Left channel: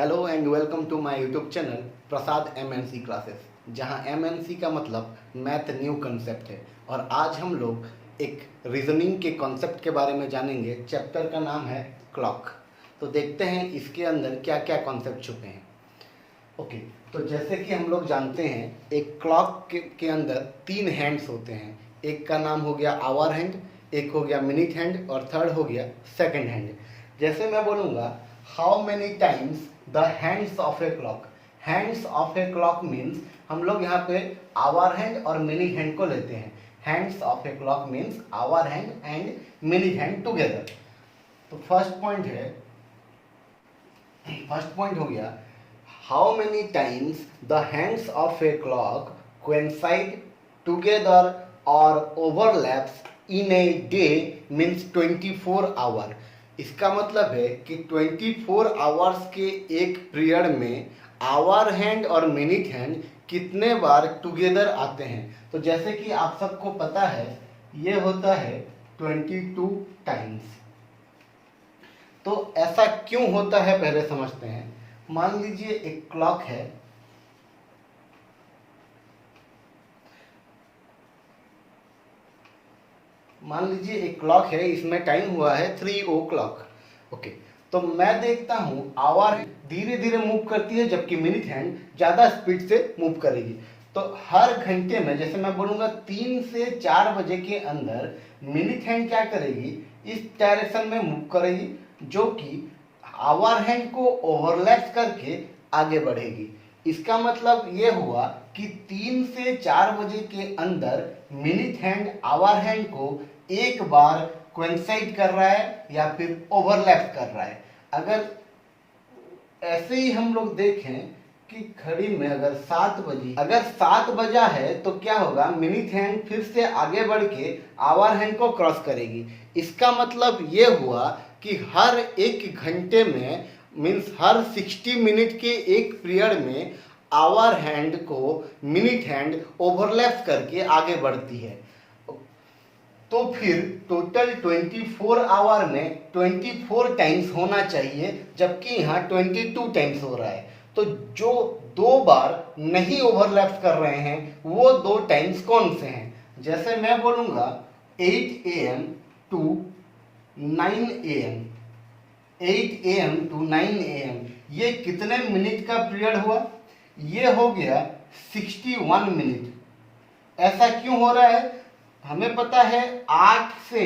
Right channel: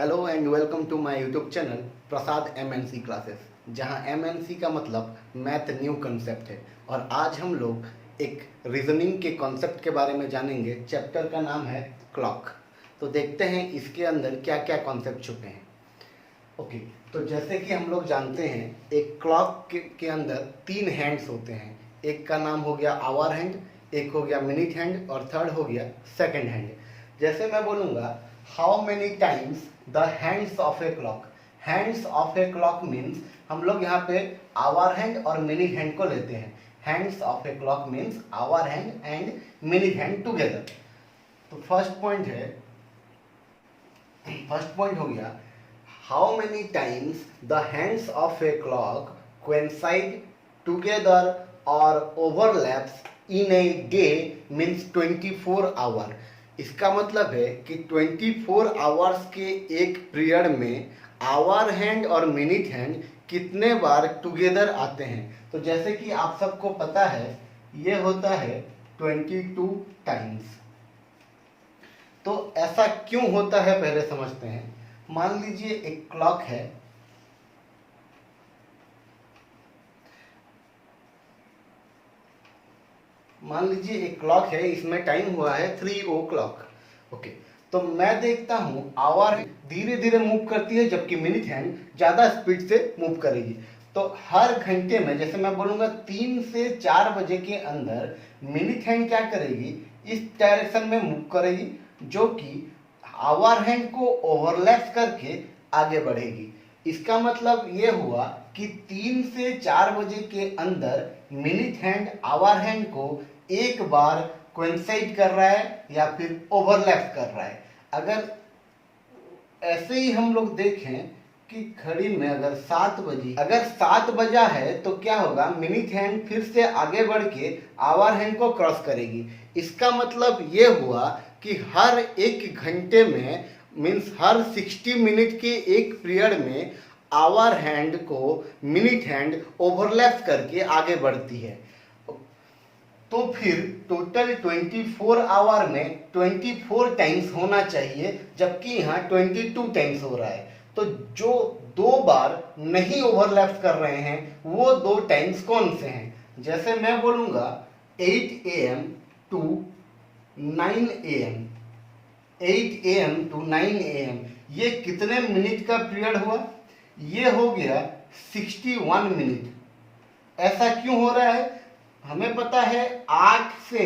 Hello and welcome to my YouTube channel Prasad MNC classes, जहां MNC का मतलब math new concept है। और आज हम लोग एक रीजनिंग के कॉन्सेप्ट के बारे में जानेंगे। चैप्टर का नाम है क्लॉक। तो देखते हैं इसके अंदर क्या क्या कॉन्सेप्ट छुपे हैं। ओके, तो जैसे कि हम लोग जानते हैं एक क्लॉक के अंदर 3 हैंड्स होते हैं। एक का नाम हो गया आवर हैंड, एक हो गया मिनट हैंड और थर्ड हो गया सेकंड हैंड। जैसे मैं बोलूँगा how many times the hands of a clock. Hands of a clock means हम लोग यहाँ पे आवर हैंड और मिनट हैंड को लेते हैं। Hands of a clock means hour hand and minute hand together. तो फर्स्ट पॉइंट हो गया how many times the hands of a clock coincide together or overlaps in a day means 24 hour। इसका मतलब है कि 24 आवर्स के एक period में आवर हैंड और मिनट हैंड कितने बार टुगेदर आते हैं। तो जैसे कि आप सबको पता है ये होता है 22 टाइम्स। तो ऐसा क्यों होता है पहले समझते हैं। मान लीजिए एक क्लॉक है, इसमें टाइम हुआ है 3 o'clock। ओके, तो मैं देखता हूं आवर धीरे धीरे मूव करती है जबकि मिनट हैंड ज्यादा स्पीड से मूव करेगी। तो हर घंटे में जैसे मैं बोलूंगा 3 से 4 बजे के अंदर मिनट हैंड क्या करेगी, इस डायरेक्शन में मूव करेगी जो कि आवर हैंड को ओवरलैप करके आगे बढ़ेगी। इसका मतलब ये हुआ कि 3 से 4 बजे के अंदर मिनट हैंड आवर हैंड को एक बार कोइंसाइड कर रहा है या फिर ओवरलैप कर रहा है। अगर ऐसे ही हम लोग देखें कि घड़ी में अगर 7 बजा है तो क्या होगा, मिनट हैंड फिर से आगे बढ़ के आवर हैंड को क्रॉस करेगी। इसका मतलब ये हुआ कि हर एक घंटे में मीन्स हर 60 मिनट के एक पीरियड में आवर हैंड को मिनट हैंड ओवरलैप करके आगे बढ़ती है। तो फिर टोटल 24 आवर में 24 टाइम्स होना चाहिए, जबकि यहाँ 22 टाइम्स हो रहा है। तो जो 2 बार नहीं ओवरलैप कर रहे हैं वो 2 टाइम्स कौन से हैं। जैसे मैं बोलूँगा 8 AM to 9 AM, 8 AM to 9 AM, ये कितने मिनट का पीरियड हुआ, ये हो गया 61 मिनट। ऐसा क्यों हो रहा है, हमें पता है 8 से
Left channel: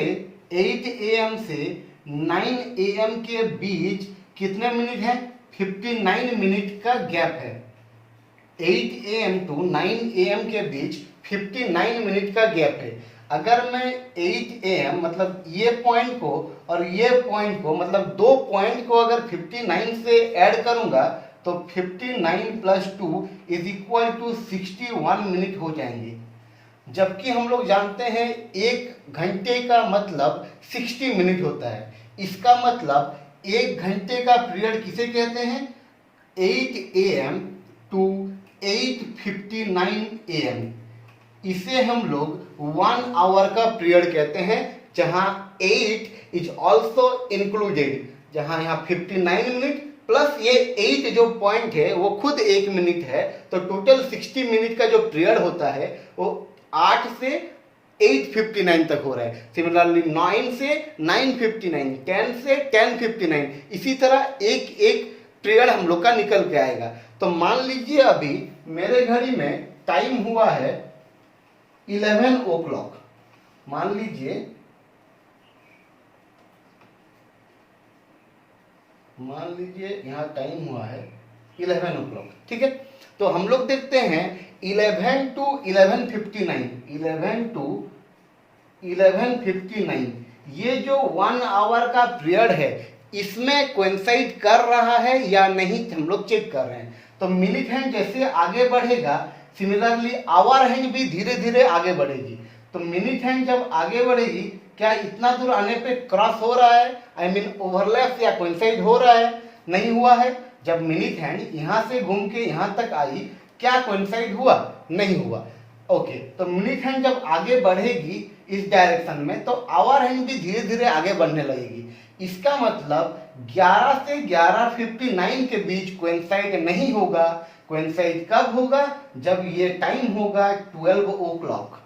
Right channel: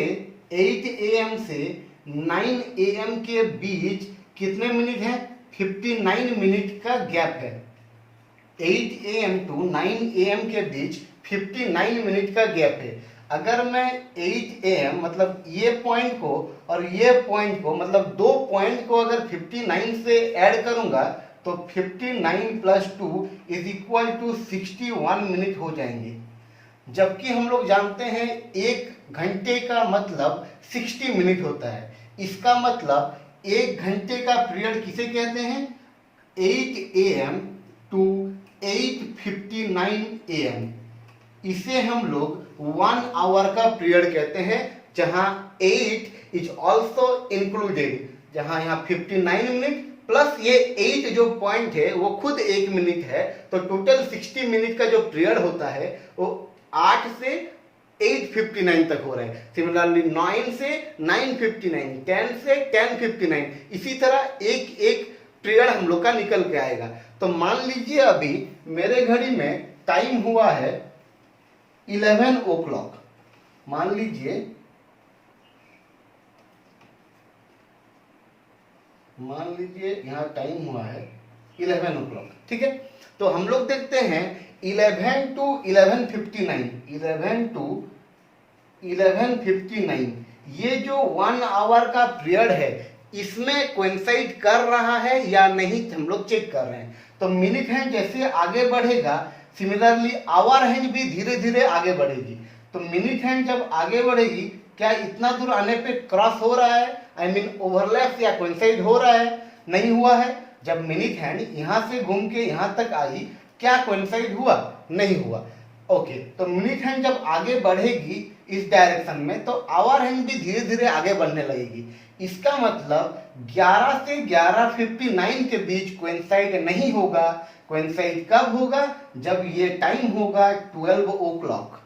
8 AM से 9 AM के बीच कितने मिनट हैं, 59 मिनट का गैप है। 8 AM to 9 AM के बीच 59 मिनट का गैप है। अगर मैं 8 AM मतलब ये पॉइंट को और ये पॉइंट को मतलब 2 पॉइंट को अगर 59 से ऐड करूंगा तो 59 + 2 = 61 मिनट हो जाएंगे। जबकि हम लोग जानते हैं 1 घंटे का मतलब 60 मिनट होता है। इसका मतलब 1 घंटे का पीरियड किसे कहते हैं, 8 AM to 8:59 AM। इसे हम लोग 1 आवर का पीरियड कहते हैं, जहां 8 इज ऑल्सो इंक्लूडेड, जहां यहाँ 59 मिनट प्लस ये 8 जो पॉइंट है वो खुद 1 मिनट है। तो टोटल 60 मिनट का जो पीरियड होता है वो 8 से 8:59 तक हो रहा है। सिमिलरली 9 से 9:59, 10 से 10:59, इसी तरह एक एक पीरियड हम लोग का निकल के आएगा। तो मान लीजिए अभी मेरे घड़ी में टाइम हुआ है 11 o'clock। मान लीजिए यहाँ टाइम हुआ है 11 o'clock, ठीक है। तो हम लोग देखते हैं 11 to 11:59, 11 to 11:59, ये जो 1 आवर का पीरियड है इसमें कोइंसाइड कर रहा है या नहीं हम लोग चेक कर रहे हैं। तो मिनट हैंड जैसे आगे बढ़ेगा सिमिलरली आवर हैंड भी धीरे धीरे आगे बढ़ेगी। तो मिनट हैंड जब आगे बढ़ेगी क्या इतना दूर आने पे क्रॉस हो रहा है, आई मीन ओवरलैप या कोइंसाइड हो रहा है, नहीं हुआ है। जब मिनट हैंड यहां से घूम के यहां तक आई क्या कोइंसाइड हुआ, नहीं हुआ। ओके, तो मिनट हैंड जब आगे बढ़ेगी इस डायरेक्शन में तो आवर हैंड भी धीरे धीरे आगे बढ़ने लगेगी। इसका मतलब 11 से 11:59 के बीच कोइंसाइड नहीं होगा। कोइंसाइड कब होगा? जब ये टाइम होगा 12 ओ क्लॉक।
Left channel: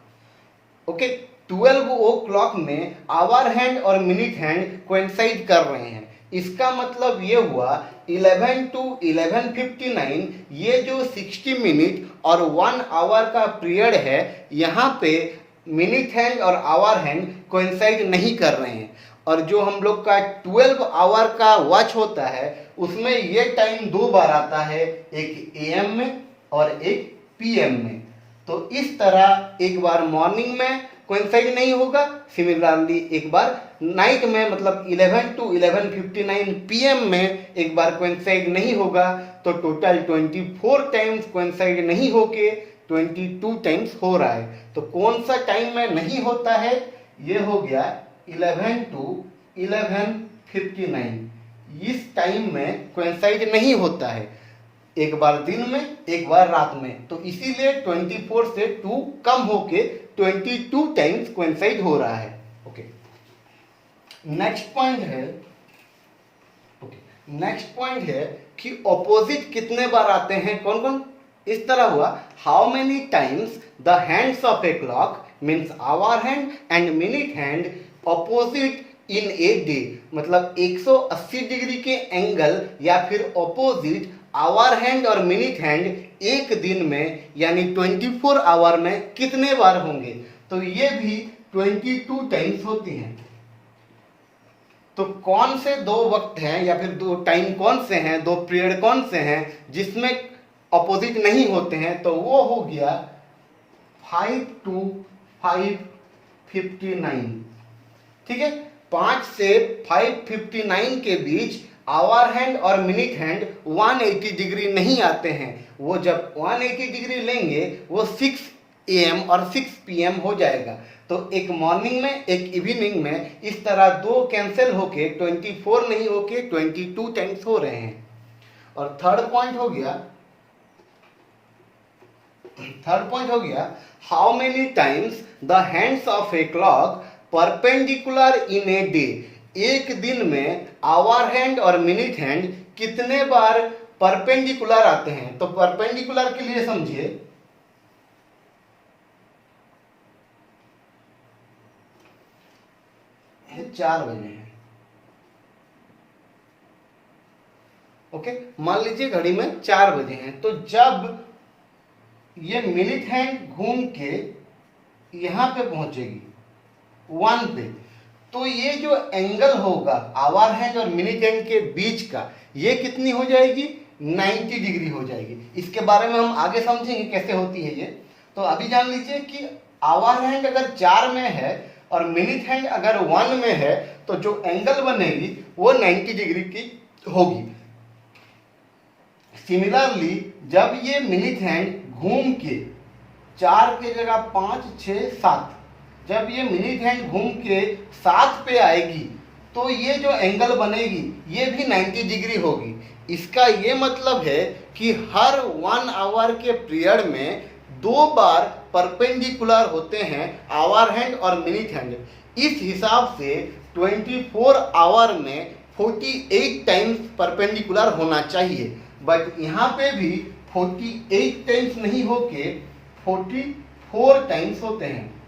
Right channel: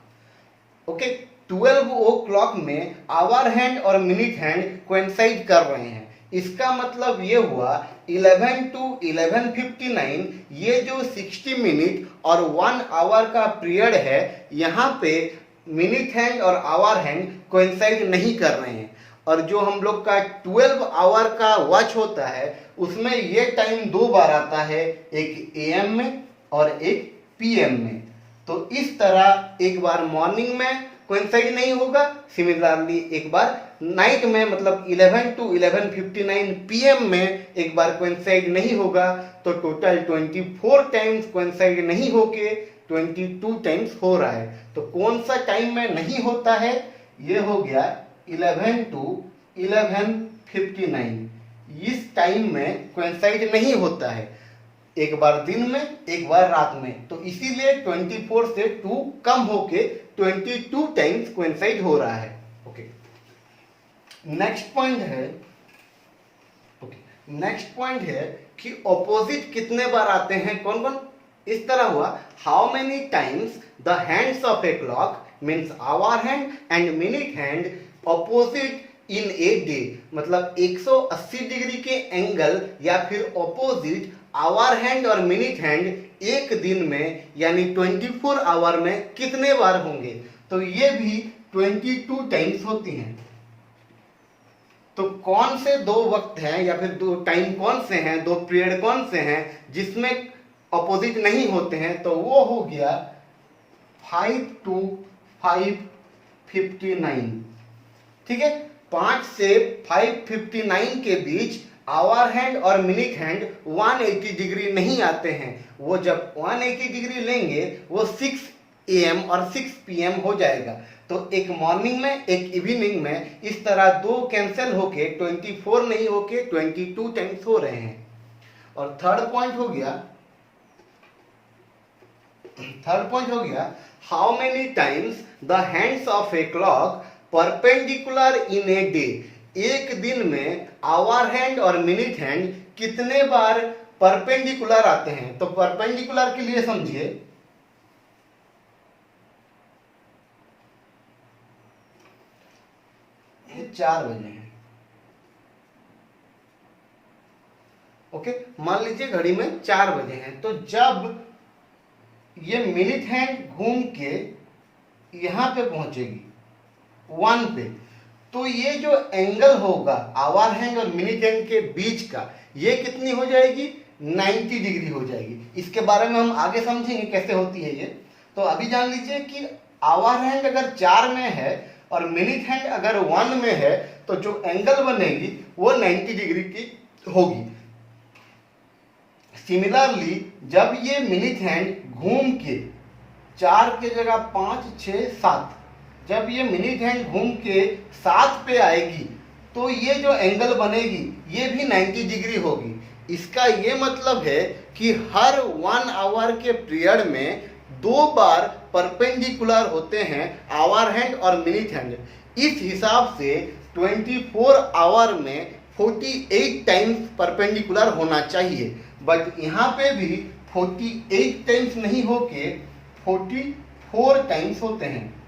ओके, 12 ओ क्लॉक में आवर हैंड और मिनट हैंड कोइंसाइड कर रहे हैं। इसका मतलब ये हुआ 11 to 11:59, ये जो 60 मिनट और 1 आवर का पीरियड है, यहाँ पे मिनट हैंड और आवर हैंड कोइंसाइड नहीं कर रहे हैं। और जो हम लोग का 12 आवर का वॉच होता है उसमें ये टाइम 2 बार आता है, एक AM में और एक PM में। तो इस तरह एक बार मॉर्निंग में कोइंसाइड नहीं होगा, सिमिलरली एक बार नाइट में मतलब 11 to 11:59 PM में एक बार कोइंसाइड नहीं होगा। तो टोटल 24 टाइम्स कोइंसाइड नहीं होके 22 टाइम्स हो रहा है। तो कौन सा टाइम में नहीं होता है? ये हो गया 11 to 11:59। इस टाइम में कोइंसाइड नहीं होता है, एक बार दिन में एक बार रात में। तो इसीलिए 24 से 2 कम होके 22 टाइम्स कोइंसाइड हो रहा है। ओके, नेक्स्ट पॉइंट है कि ऑपोजिट कितने बार आते हैं, कौन कौन? इस तरह हुआ, how many times the hands of a clock means hour hand and minute hand opposite in a day, मतलब 180 डिग्री के एंगल या फिर ऑपोजिट आवर हैंड और मिनट हैंड एक दिन में यानी 24 आवर में कितने बार होंगे? तो ये भी 22 टाइम्स होती हैं। तो कौन से दो वक्त हैं या फिर दो टाइम कौन से हैं, दो पीरियड कौन से हैं जिसमें अपोजिट नहीं होते हैं? तो वो हो गया 5 to 5:59। ठीक है, 5 से 5:59 के बीच आवर हैंड और मिनट हैंड 180 डिग्री नहीं आते हैं। वो जब 180 डिग्री लेंगे वो 6 AM और 6 PM हो जाएगा। तो एक मॉर्निंग में एक इवनिंग में इस तरह दो कैंसिल होके 24 नहीं होके 22 टाइम्स हो रहे हैं। और थर्ड पॉइंट हो गया how many times the hands of a clock perpendicular in a day, एक दिन में आवर हैंड और मिनट हैंड कितने बार परपेंडिकुलर आते हैं? तो परपेंडिकुलर के लिए समझिए, ये 4 बजे हैं। ओके, मान लीजिए घड़ी में 4 बजे हैं, तो जब ये मिनट हैंड घूम के यहां पे पहुंचेगी 1 पे, तो ये जो एंगल होगा आवर हैंड और मिनट हैंड के बीच का, ये कितनी हो जाएगी? 90 डिग्री हो जाएगी। इसके बारे में हम आगे समझेंगे कैसे होती है ये। तो अभी जान लीजिए कि आवर हैंड अगर 4 में है और मिनट हैंड अगर 1 में है तो जो एंगल बनेगी वो 90 डिग्री की होगी। सिमिलरली जब ये मिनट हैंड घूम के 4 के जगह 5, 6, 7, जब ये मिनट हैंड घूम के 7 पे आएगी तो ये जो एंगल बनेगी ये भी 90 डिग्री होगी। इसका ये मतलब है कि हर 1 आवर के पीरियड में 2 बार परपेंडिकुलर होते हैं आवर हैंड और मिनट हैंड। इस हिसाब से 24 आवर में 48 टाइम्स परपेंडिकुलर होना चाहिए, बट यहाँ पे भी 48 टाइम्स नहीं होके 44 टाइम्स होते हैं।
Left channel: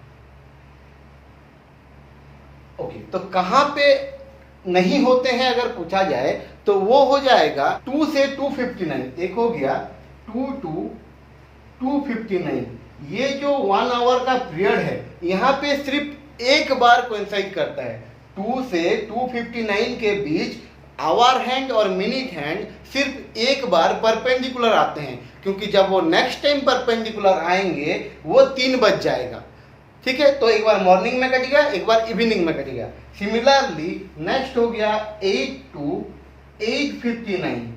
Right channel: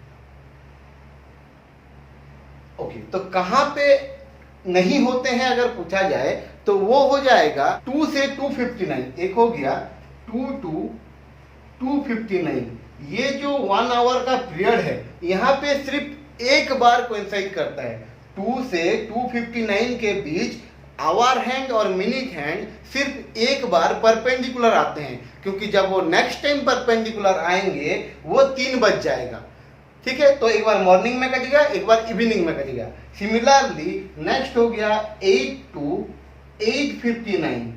ओके, तो कहां पे नहीं होते हैं अगर पूछा जाए तो वो हो जाएगा 2 से 2:59। एक हो गया 2 to 2:59। ये जो 1 आवर का पीरियड है यहाँ पे सिर्फ एक बार कोइंसाइड करता है। 2 से 2:59 के बीच आवर हैंड और मिनट हैंड सिर्फ एक बार परपेंडिकुलर आते हैं, क्योंकि जब वो नेक्स्ट टाइम परपेंडिकुलर आएंगे वो 3 बज जाएगा। ठीक है, तो एक बार मॉर्निंग में कटेगा, एक बार इवनिंग में कटेगा। सिमिलरली नेक्स्ट हो गया 8 to 8:59।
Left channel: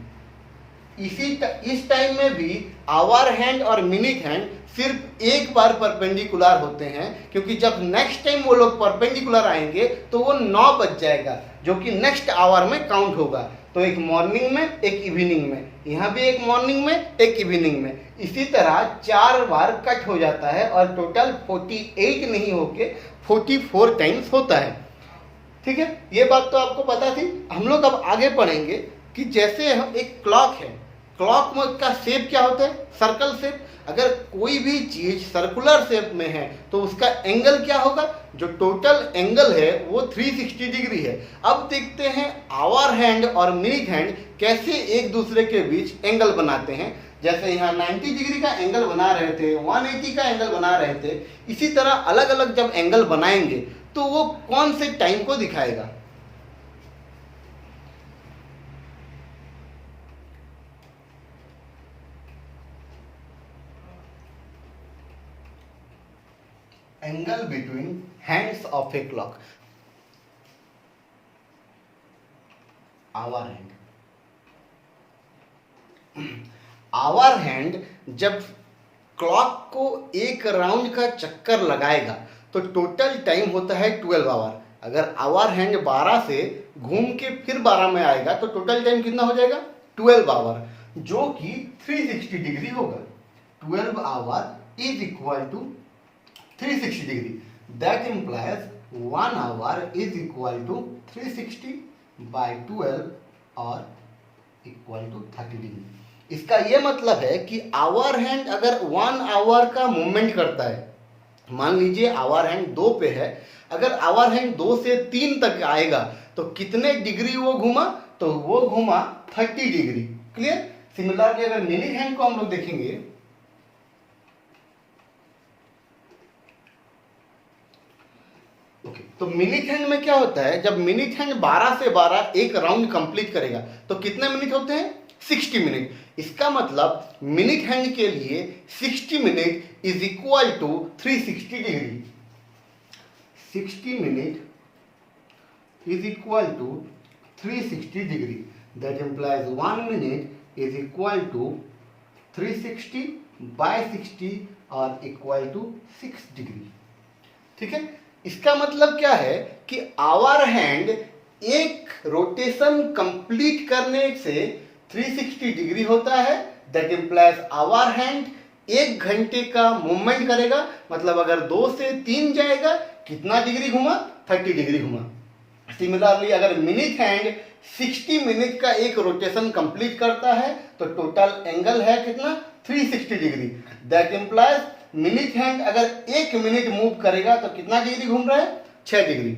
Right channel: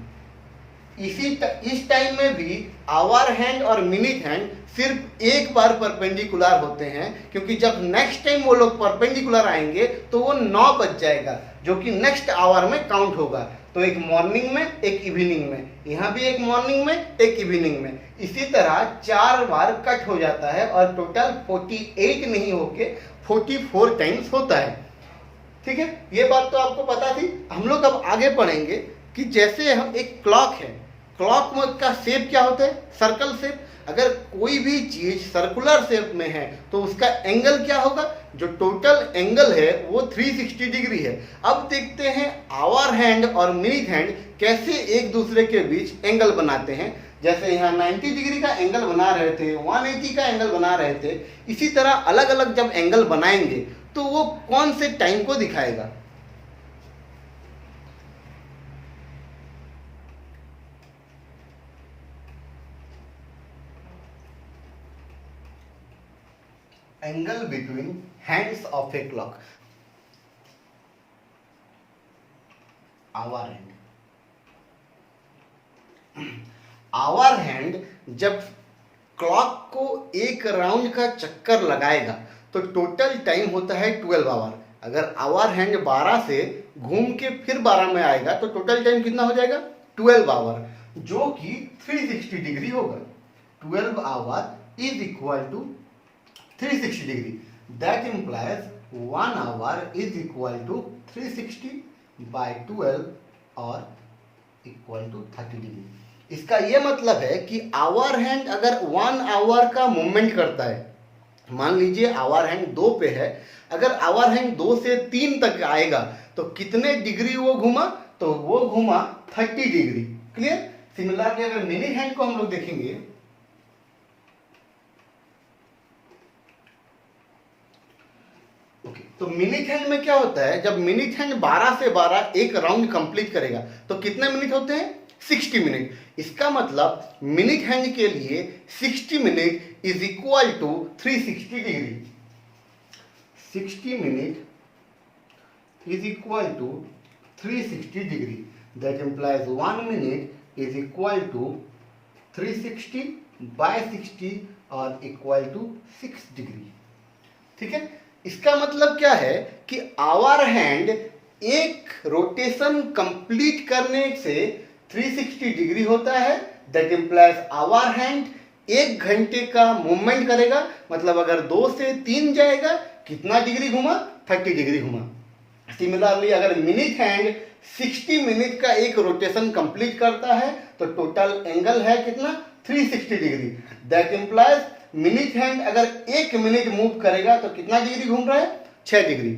इस टाइम में भी आवर हैंड और मिनट हैंड सिर्फ एक बार परपेंडिकुलर होते हैं, क्योंकि जब नेक्स्ट टाइम वो लोग परपेंडिकुलर आएंगे तो वो 9 बज जाएगा, जो कि नेक्स्ट आवर में काउंट होगा। तो एक मॉर्निंग में, एक इवनिंग में, यहाँ भी एक मॉर्निंग में, एक इवनिंग में, इसी तरह 4 बार कट हो जाता है और टोटल 48 नहीं होके 44 टाइम्स होता है। ठीक है, ये बात तो आपको पता थी। हम लोग अब आगे पढ़ेंगे कि जैसे हम एक क्लॉक है, क्लॉक का शेप क्या होता है, सर्कल शेप। अगर कोई भी चीज सर्कुलर शेप में है तो उसका एंगल क्या होगा, जो टोटल एंगल है वो 360 डिग्री है। अब देखते हैं आवर हैंड और मिनट हैंड कैसे एक दूसरे के बीच एंगल बनाते हैं। जैसे यहाँ 90 डिग्री का एंगल बना रहे थे, 180 का एंगल बना रहे थे, इसी तरह अलग अलग जब एंगल बनाएंगे तो वो कौन से टाइम को दिखाएगा। Angle between hands of a clock, hour hand. Hour hand जब क्लॉक को एक राउंड का चक्कर लगाएगा तो टोटल टाइम होता है 12 आवर। अगर आवर हैंड 12 से घूम के फिर 12 में आएगा तो टोटल टाइम कितना हो जाएगा, 12 आवर, जो कि 360 डिग्री होगा। 12 hour is equal to 360 degree, that implies 1 hour is equal to 360 by 12 और इक्वल टू 30 डिग्री। इसका यह मतलब है कि आवर हैंड अगर 1 आवर का मूवमेंट करता है, मान लीजिए आवर हैंड 2 पे है, अगर आवर हैंड 2 से 3 तक आएगा तो कितने डिग्री वो घूमा, तो वो घूमा 30 डिग्री। क्लियर। सिमिलरली अगर मिनट हैंड को हम लोग देखेंगे, तो मिनट हैंड में क्या होता है, जब मिनट हैंड 12 से 12 एक राउंड कंप्लीट करेगा तो कितने मिनट होते हैं, 60 मिनट। इसका मतलब मिनट हैंड के लिए 60 minute is equal to 360 degree. 60 minute is equal to 360 degree, that implies 1 minute is equal to 360 by 60 और इक्वल टू 6 डिग्री। ठीक है, इसका मतलब क्या है कि आवर हैंड एक रोटेशन कंप्लीट करने से 360 डिग्री होता है। दैट इंप्लाइज आवर हैंड 1 घंटे का मूवमेंट करेगा, मतलब अगर 2 से 3 जाएगा कितना डिग्री घुमा, 30 डिग्री घुमा। सिमिलरली अगर मिनट हैंड 60 मिनट का एक रोटेशन कंप्लीट करता है तो टोटल एंगल है कितना, 360 degree. That implies minute hand अगर 1 मिनट मूव करेगा तो कितना डिग्री घूम रहा है, 6 डिग्री।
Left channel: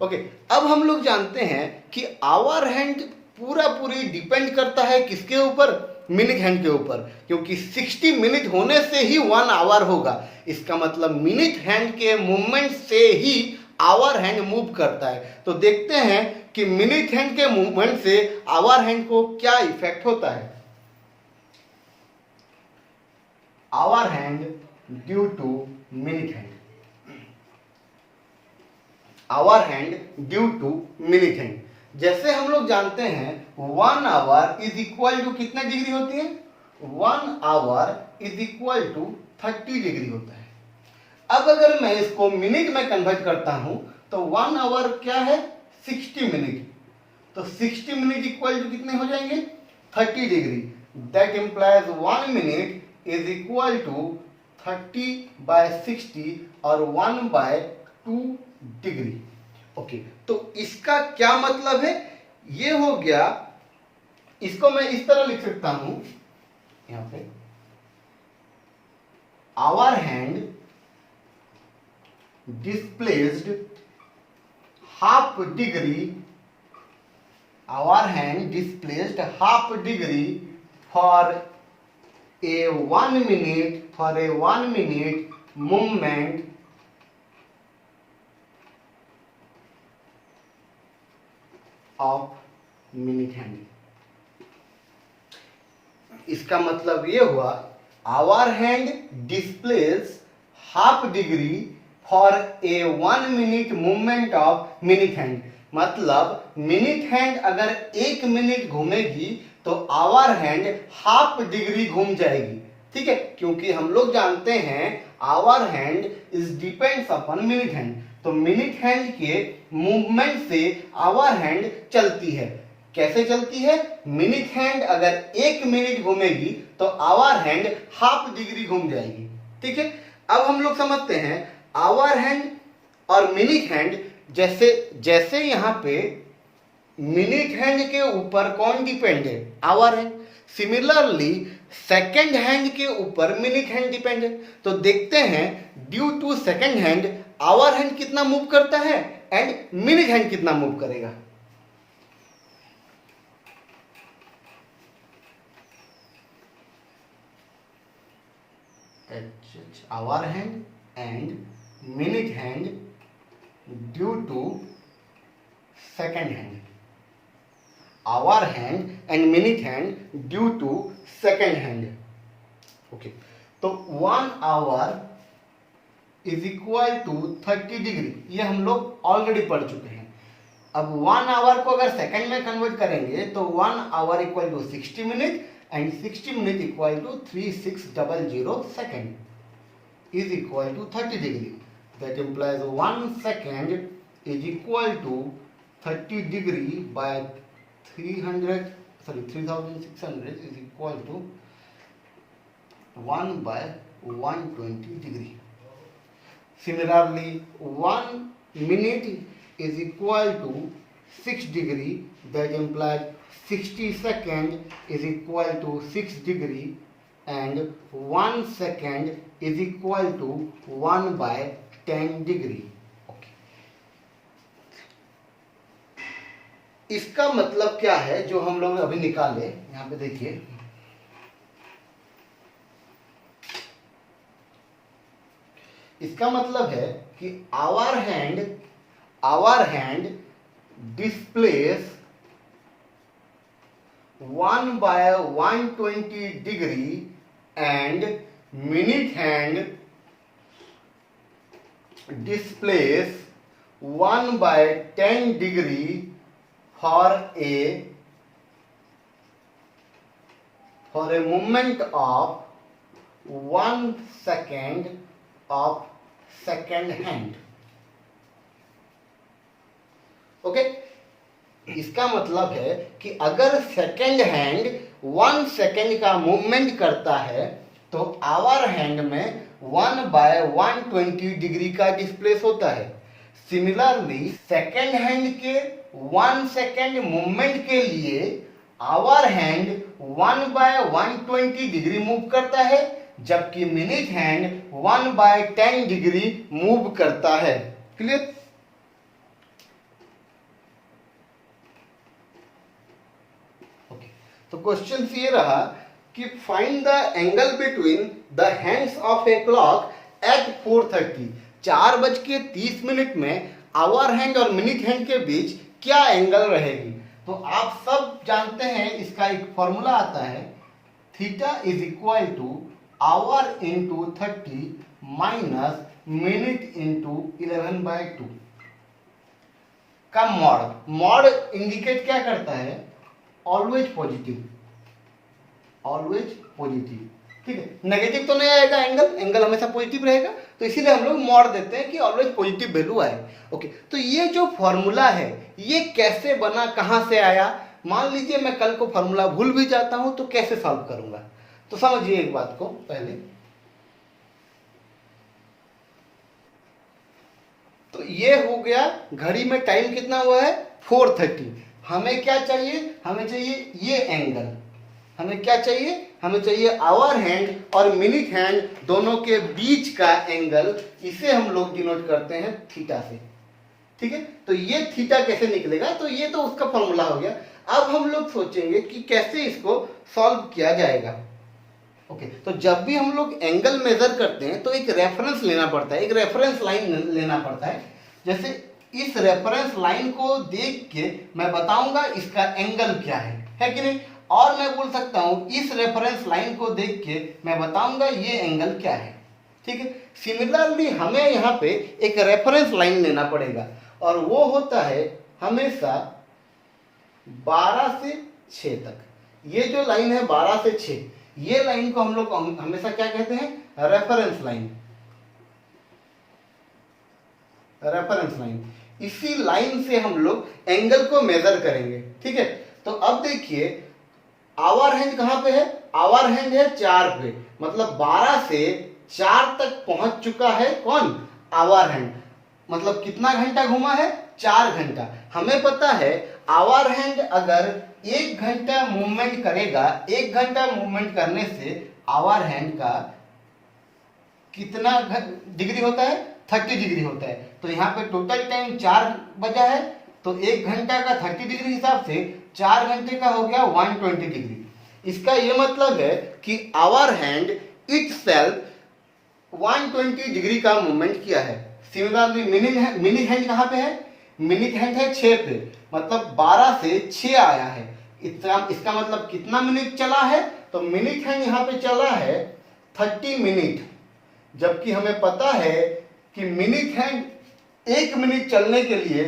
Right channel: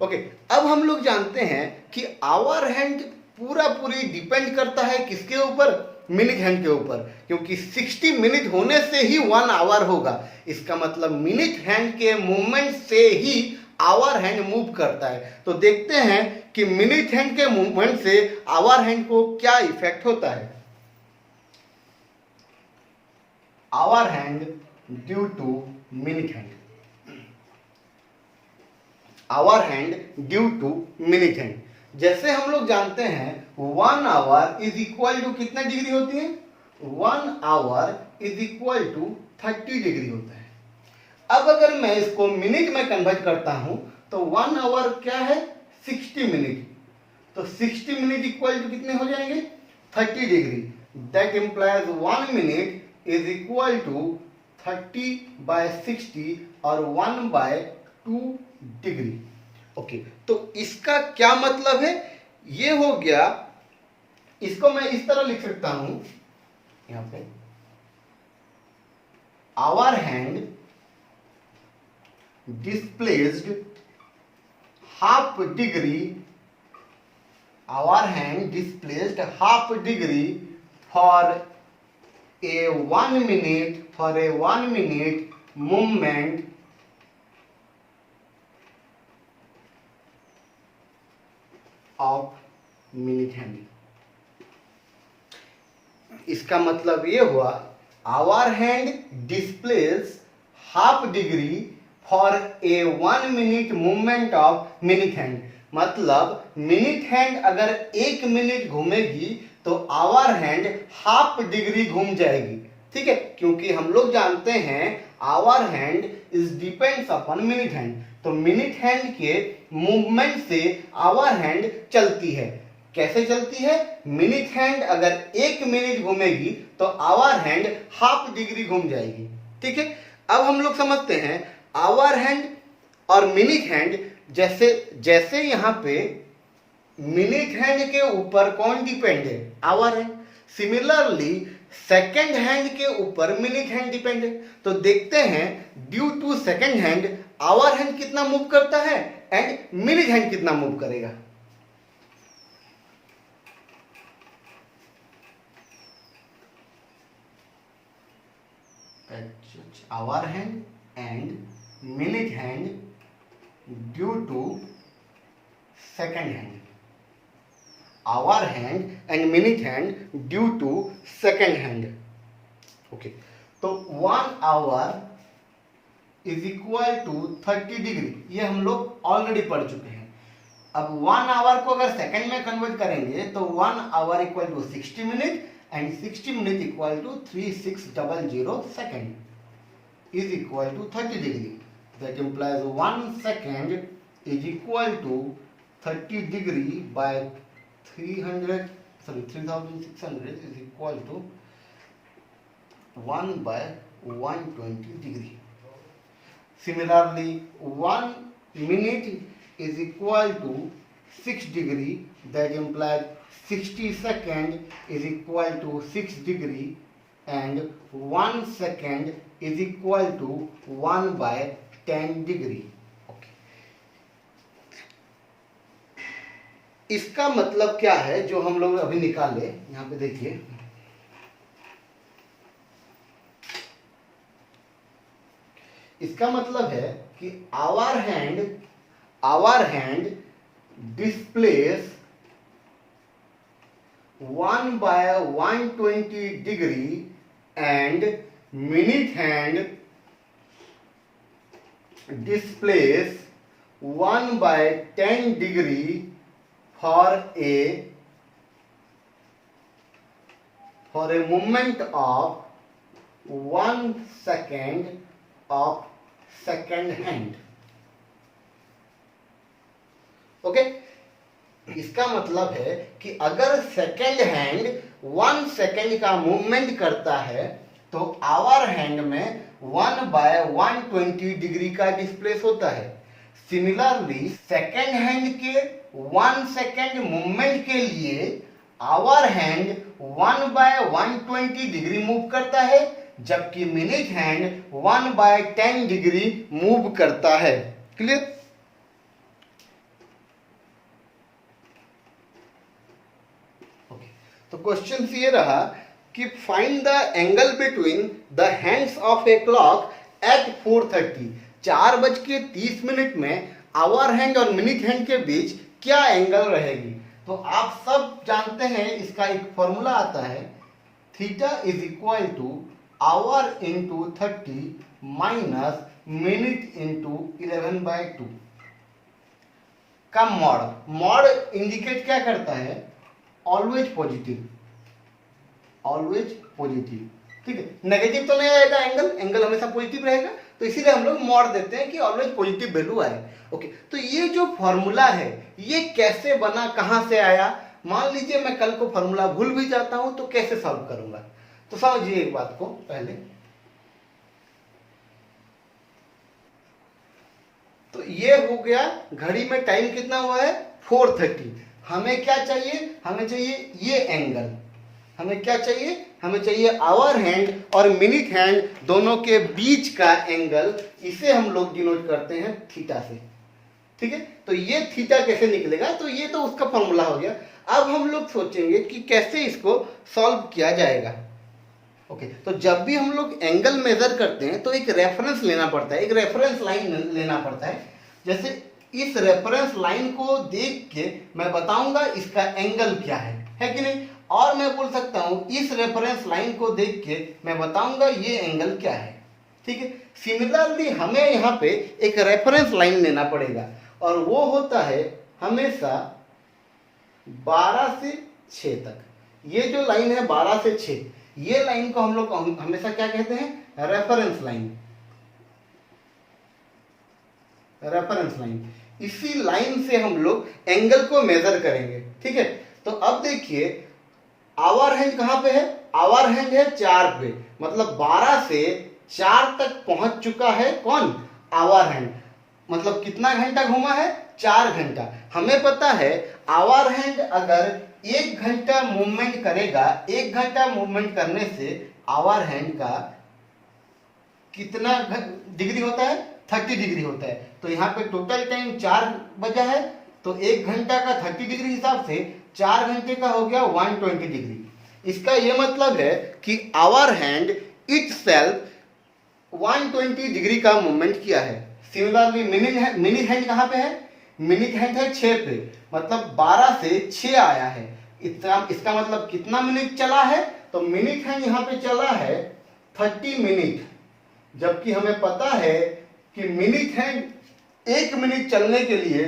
ओके, अब हम लोग जानते हैं कि आवर हैंड पूरी डिपेंड करता है किसके ऊपर, मिनट हैंड के ऊपर, क्योंकि 60 मिनट होने से ही 1 आवर होगा। इसका मतलब मिनट हैंड के मूवमेंट से ही आवर हैंड मूव करता है। तो देखते हैं कि मिनट हैंड के मूवमेंट से आवर हैंड को क्या इफेक्ट होता है। Hour hand due to minute hand, hour hand due to minute hand. जैसे हम लोग जानते हैं 1 आवर इज इक्वल टू कितना डिग्री होती है, 1 hour is equal to 30 degree होता है। अब अगर मैं इसको मिनट में कन्वर्ट करता हूं तो 1 आवर क्या है, 60 मिनट, तो 60 मिनट इक्वल टू कितने हो जाएंगे, 30 degree. That implies 1 minute is equal to 30 by 60 और 1 बाय 2 डिग्री। ओके, तो इसका क्या मतलब है, ये हो गया, इसको मैं इस तरह लिख सकता हूं यहां पे, hour hand displaced half degree, hour hand displaced half degree for a 1 minute, for a 1 minute movement of minute hand। इसका मतलब ये हुआ hour hand displace half degree for a 1 minute movement of minute hand. मतलब minute hand अगर 1 minute घूमेगी तो hour hand half degree घूम जाएगी। ठीक है, क्योंकि हम लोग जानते हैं hour hand is depends upon minute hand, तो मिनट हैंड के मूवमेंट से आवर हैंड चलती है। कैसे चलती है? मिनिट हैंड अगर 1 मिनट घूमेगी तो आवर हैंड हाफ डिग्री घूम जाएगी। ठीक है, अब हम लोग समझते हैं आवर हैंड और मिनिट हैंड। जैसे जैसे यहां पे मिनिट हैंड के ऊपर कौन डिपेंड है? Hour hand. Similarly second hand के ऊपर मिनिट हैंड डिपेंड है। तो देखते हैं due to second hand hour hand कितना मूव करता है एंड मिनिट हैंड कितना मूव करेगा। Hour hand and minute hand due to second hand. Hour hand and minute hand due to second hand. Okay, तो 1 hour is equal to 30 degree, ये हम लोग already पढ़ चुके हैं। अब 1 आवर को अगर सेकंड में कन्वर्ट करेंगे तो 1 hour equal to 60 minute and 60 minute equal to 3600 second is equal to 30 degree. That implies 1 second is equal to 30 degree by 3600 is equal to 1 by 120 degree. Similarly, 1 minute is equal to 6 degree. That implies 60 second is equal to 6 degree and 1 second is equal to 1 by 10 degree. Okay. इसका मतलब क्या है जो हम लोग अभी निकाले? यहां पे देखिए, इसका मतलब है कि our hand displace 1 by 120 degree and minute hand displays 1 by 10 degree for a movement of 1 second of second hand. Okay, इसका मतलब है कि अगर सेकेंड हैंड 1 सेकेंड का मूवमेंट करता है तो आवर हैंड में 1 by 120 डिग्री का डिस्प्लेस होता है। सिमिलरली सेकेंड हैंड के 1 सेकेंड मूवमेंट के लिए hour hand 1 by 120 degree move करता है, जबकि minute hand 1 by 10 degree move करता है। क्लियर? तो क्वेश्चन ये रहा कि find the angle between the hands of a clock at 4:30। 4:30 में आवर हैंड और मिनिट हैंड के बीच क्या एंगल रहेगी? तो आप सब जानते हैं, इसका एक फॉर्मूला आता है, theta is equal to hour into 30 minus minute into 11/2 का मॉड। मॉड इंडिकेट क्या करता है? Always positive, always positive. ठीक है, नेगेटिव तो नहीं आएगा, एंगल हमेशा पॉजिटिव रहेगा, तो इसीलिए हम लोग मॉड देते हैं कि ऑलवेज पॉजिटिव वैल्यू आए। ओके, तो ये जो फॉर्मूला है ये कैसे बना, कहां से आया? मान लीजिए मैं कल को फॉर्मूला भूल भी जाता हूं तो कैसे सॉल्व करूंगा? तो समझिए एक बात को पहले। तो ये हो गया, घड़ी में टाइम कितना हुआ है? 4:30। हमें क्या चाहिए? हमें चाहिए ये एंगल। हमें क्या चाहिए? हमें चाहिए आवर हैंड और मिनिट हैंड दोनों के बीच का एंगल। इसे हम लोग डिनोट करते हैं थीटा से। ठीक है, तो ये थीटा कैसे निकलेगा? तो ये तो उसका फॉर्मूला हो गया। अब हम लोग सोचेंगे कि कैसे इसको सॉल्व किया जाएगा। ओके, तो जब भी हम लोग एंगल मेजर करते हैं तो एक रेफरेंस लेना पड़ता है, एक रेफरेंस लाइन लेना पड़ता है। जैसे इस रेफरेंस लाइन को देख के मैं बताऊंगा इसका एंगल क्या है कि नहीं? और मैं बोल सकता हूं इस रेफरेंस लाइन को देख के मैं बताऊंगा ये एंगल क्या है। ठीक है, सिमिलरली हमें यहाँ पे एक रेफरेंस लाइन लेना पड़ेगा और वो होता है हमेशा 12 से 6 तक। ये जो लाइन है 12 से 6, ये लाइन को हम लोग हमेशा क्या कहते हैं? Reference line. रेफरेंस लाइन, इसी लाइन से हम लोग एंगल को मेजर करेंगे। ठीक है, तो अब देखिए आवर हैंड कहां पे है, आवर हैंड है 4 पे, मतलब 12 से 4 तक पहुंच चुका है कौन, आवर हैंड। मतलब कितना घंटा घूमा है, 4 घंटा। हमें पता है आवर हैंड अगर 1 घंटा मूवमेंट करेगा, 1 घंटा मूवमेंट करने से आवर हैंड का कितना डिग्री होता है, 30 डिग्री होता है। तो यहाँ पे टोटल टाइम 4 बजा है, तो 1 घंटा का 30 डिग्री हिसाब से 4 घंटे का हो गया 120 डिग्री। इसका ये मतलब है कि आवर हैंड इटसेल्फ 120 डिग्री का मूवमेंट किया है। सिमिलरली मिनिट हैंड कहाँ पे है, मिनिट हैंड है 6 पे, मतलब 12 से 6 आया है। इसका मतलब कितना मिनट चला है, तो मिनिट हैंड यहाँ पे चला है 30 मिनट, जबकि हमें पता है कि मिनिट हैंड 1 मिनट चलने के लिए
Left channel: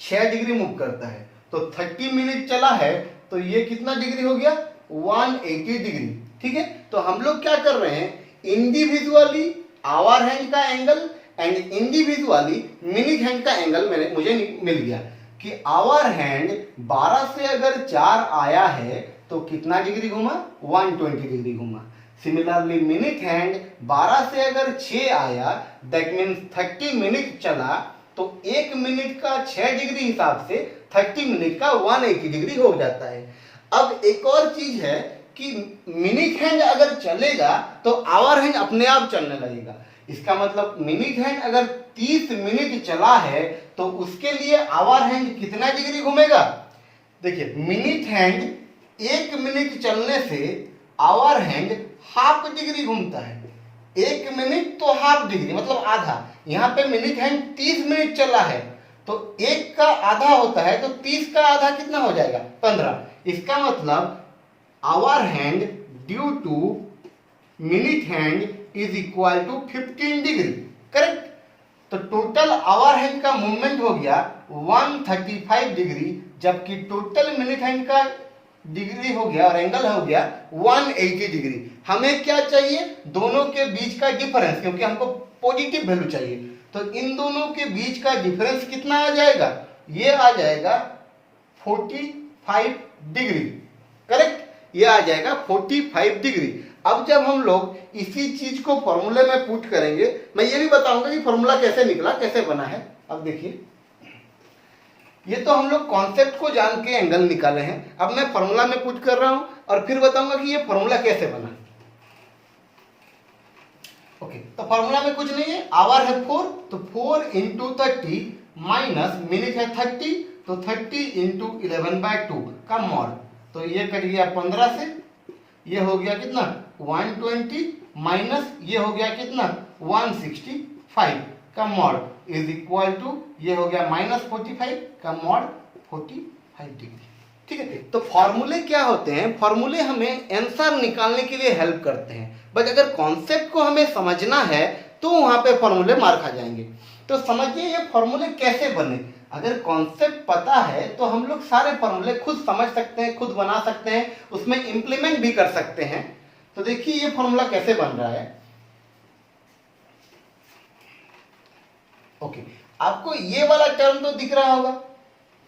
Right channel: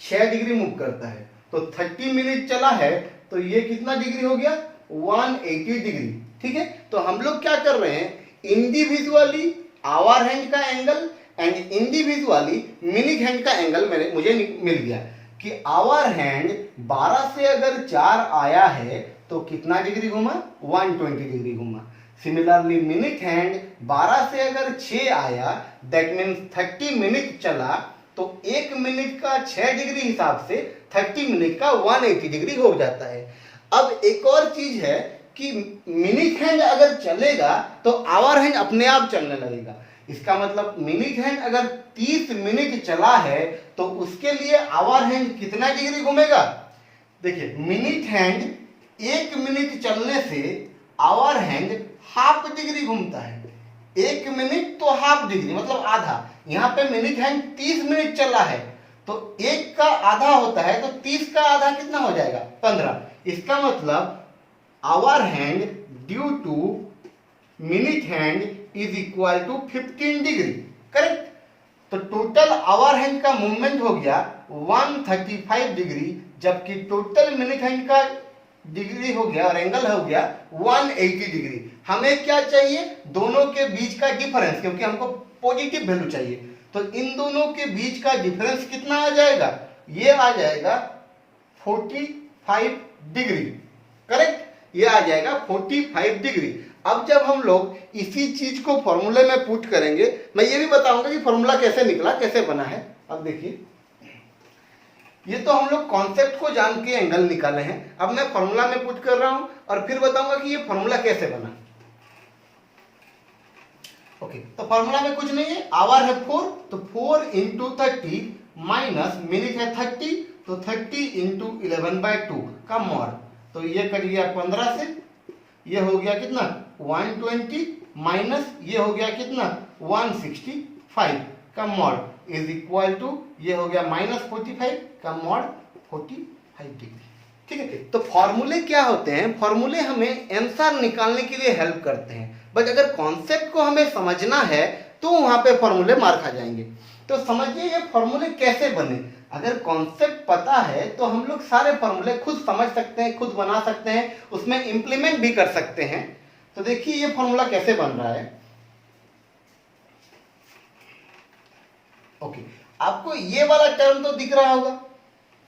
6 डिग्री मूव करता है। तो 30 मिनट चला है, तो ये कितना डिग्री हो गया, 180 डिग्री। ठीक है, तो हम लोग क्या कर रहे हैं, इंडिविजुअली आवर हैंड का angle and individually minute hand का एंगल मुझे मिल गया कि आवर हैंड 12 से अगर 4 आया है तो कितना डिग्री घूमा, 120 डिग्री घूमा। सिमिलरली मिनिट हैंड 12 से अगर 6 आया, दैट मीन्स 30 मिनट चला, तो 1 मिनट का 6 डिग्री हिसाब से 30 मिनट का 180 डिग्री हो जाता है। अब एक और चीज है कि मिनिट हैंड अगर चलेगा तो आवर हैंड अपने आप चलने लगेगा। इसका मतलब मिनिट हैंड अगर 30 मिनट चला है तो उसके लिए आवर हैंड कितना डिग्री घूमेगा। देखिए मिनिट हैंड 1 मिनट चलने से आवर हैंड हाफ डिग्री घूमता है। 1 मिनट तो हाफ डिग्री मतलब आधा। यहाँ पे मिनिट हैंड 30 मिनट चला है, तो 1 का आधा होता है, तो 30 का आधा कितना हो जाएगा, 15। इसका मतलब hour hand due to minute hand is equal to 15 degree, correct. तो टोटल आवर हैंड का मूवमेंट हो गया 135 डिग्री, जबकि टोटल मिनिट हैंड का डिग्री हो गया और एंगल हो गया 180 डिग्री। हमें क्या चाहिए, दोनों के बीच का डिफरेंस, क्योंकि हमको पॉजिटिव वैल्यू चाहिए। तो इन दोनों के बीच का डिफरेंस कितना आ जाएगा, ये आ जाएगा 45 डिग्री, करेक्ट। ये आ जाएगा 45 डिग्री। अब जब हम लोग इसी चीज को फॉर्मूले में पुट करेंगे, मैं ये भी बताऊंगा कि फॉर्मूला कैसे निकला, कैसे बना है। अब देखिए, ये तो हम लोग कॉन्सेप्ट को जान के एंगल निकाले हैं। अब मैं फॉर्मूला में पुट कर रहा हूं और फिर बताऊंगा कि ये फॉर्मूला कैसे बना। ओके, तो फॉर्मूला में कुछ नहीं है, आवर है 4, तो 4 इंटू 30 माइनस मिनट है 30, तो 30 इंटू 11/2 का मॉड। तो ये कट गया 15 से, ये हो गया कितना 120 माइनस ये हो गया कितना 165 का मॉड इज इक्वल टू ये हो गया -45 का मॉड 45 डिग्री। ठीक है, तो फॉर्मूले क्या होते हैं, फॉर्मूले हमें आंसर निकालने के लिए हेल्प करते हैं, बट अगर कॉन्सेप्ट को हमें समझना है तो वहां पे फॉर्मूले मार खा जाएंगे। तो समझिए ये फॉर्मूले कैसे बने। अगर कॉन्सेप्ट पता है तो हम लोग सारे फॉर्मूले खुद समझ सकते हैं, खुद बना सकते हैं, उसमें इंप्लीमेंट भी कर सकते हैं। तो देखिए ये फॉर्मूला कैसे बन रहा है। ओके, आपको ये वाला टर्म तो दिख रहा होगा,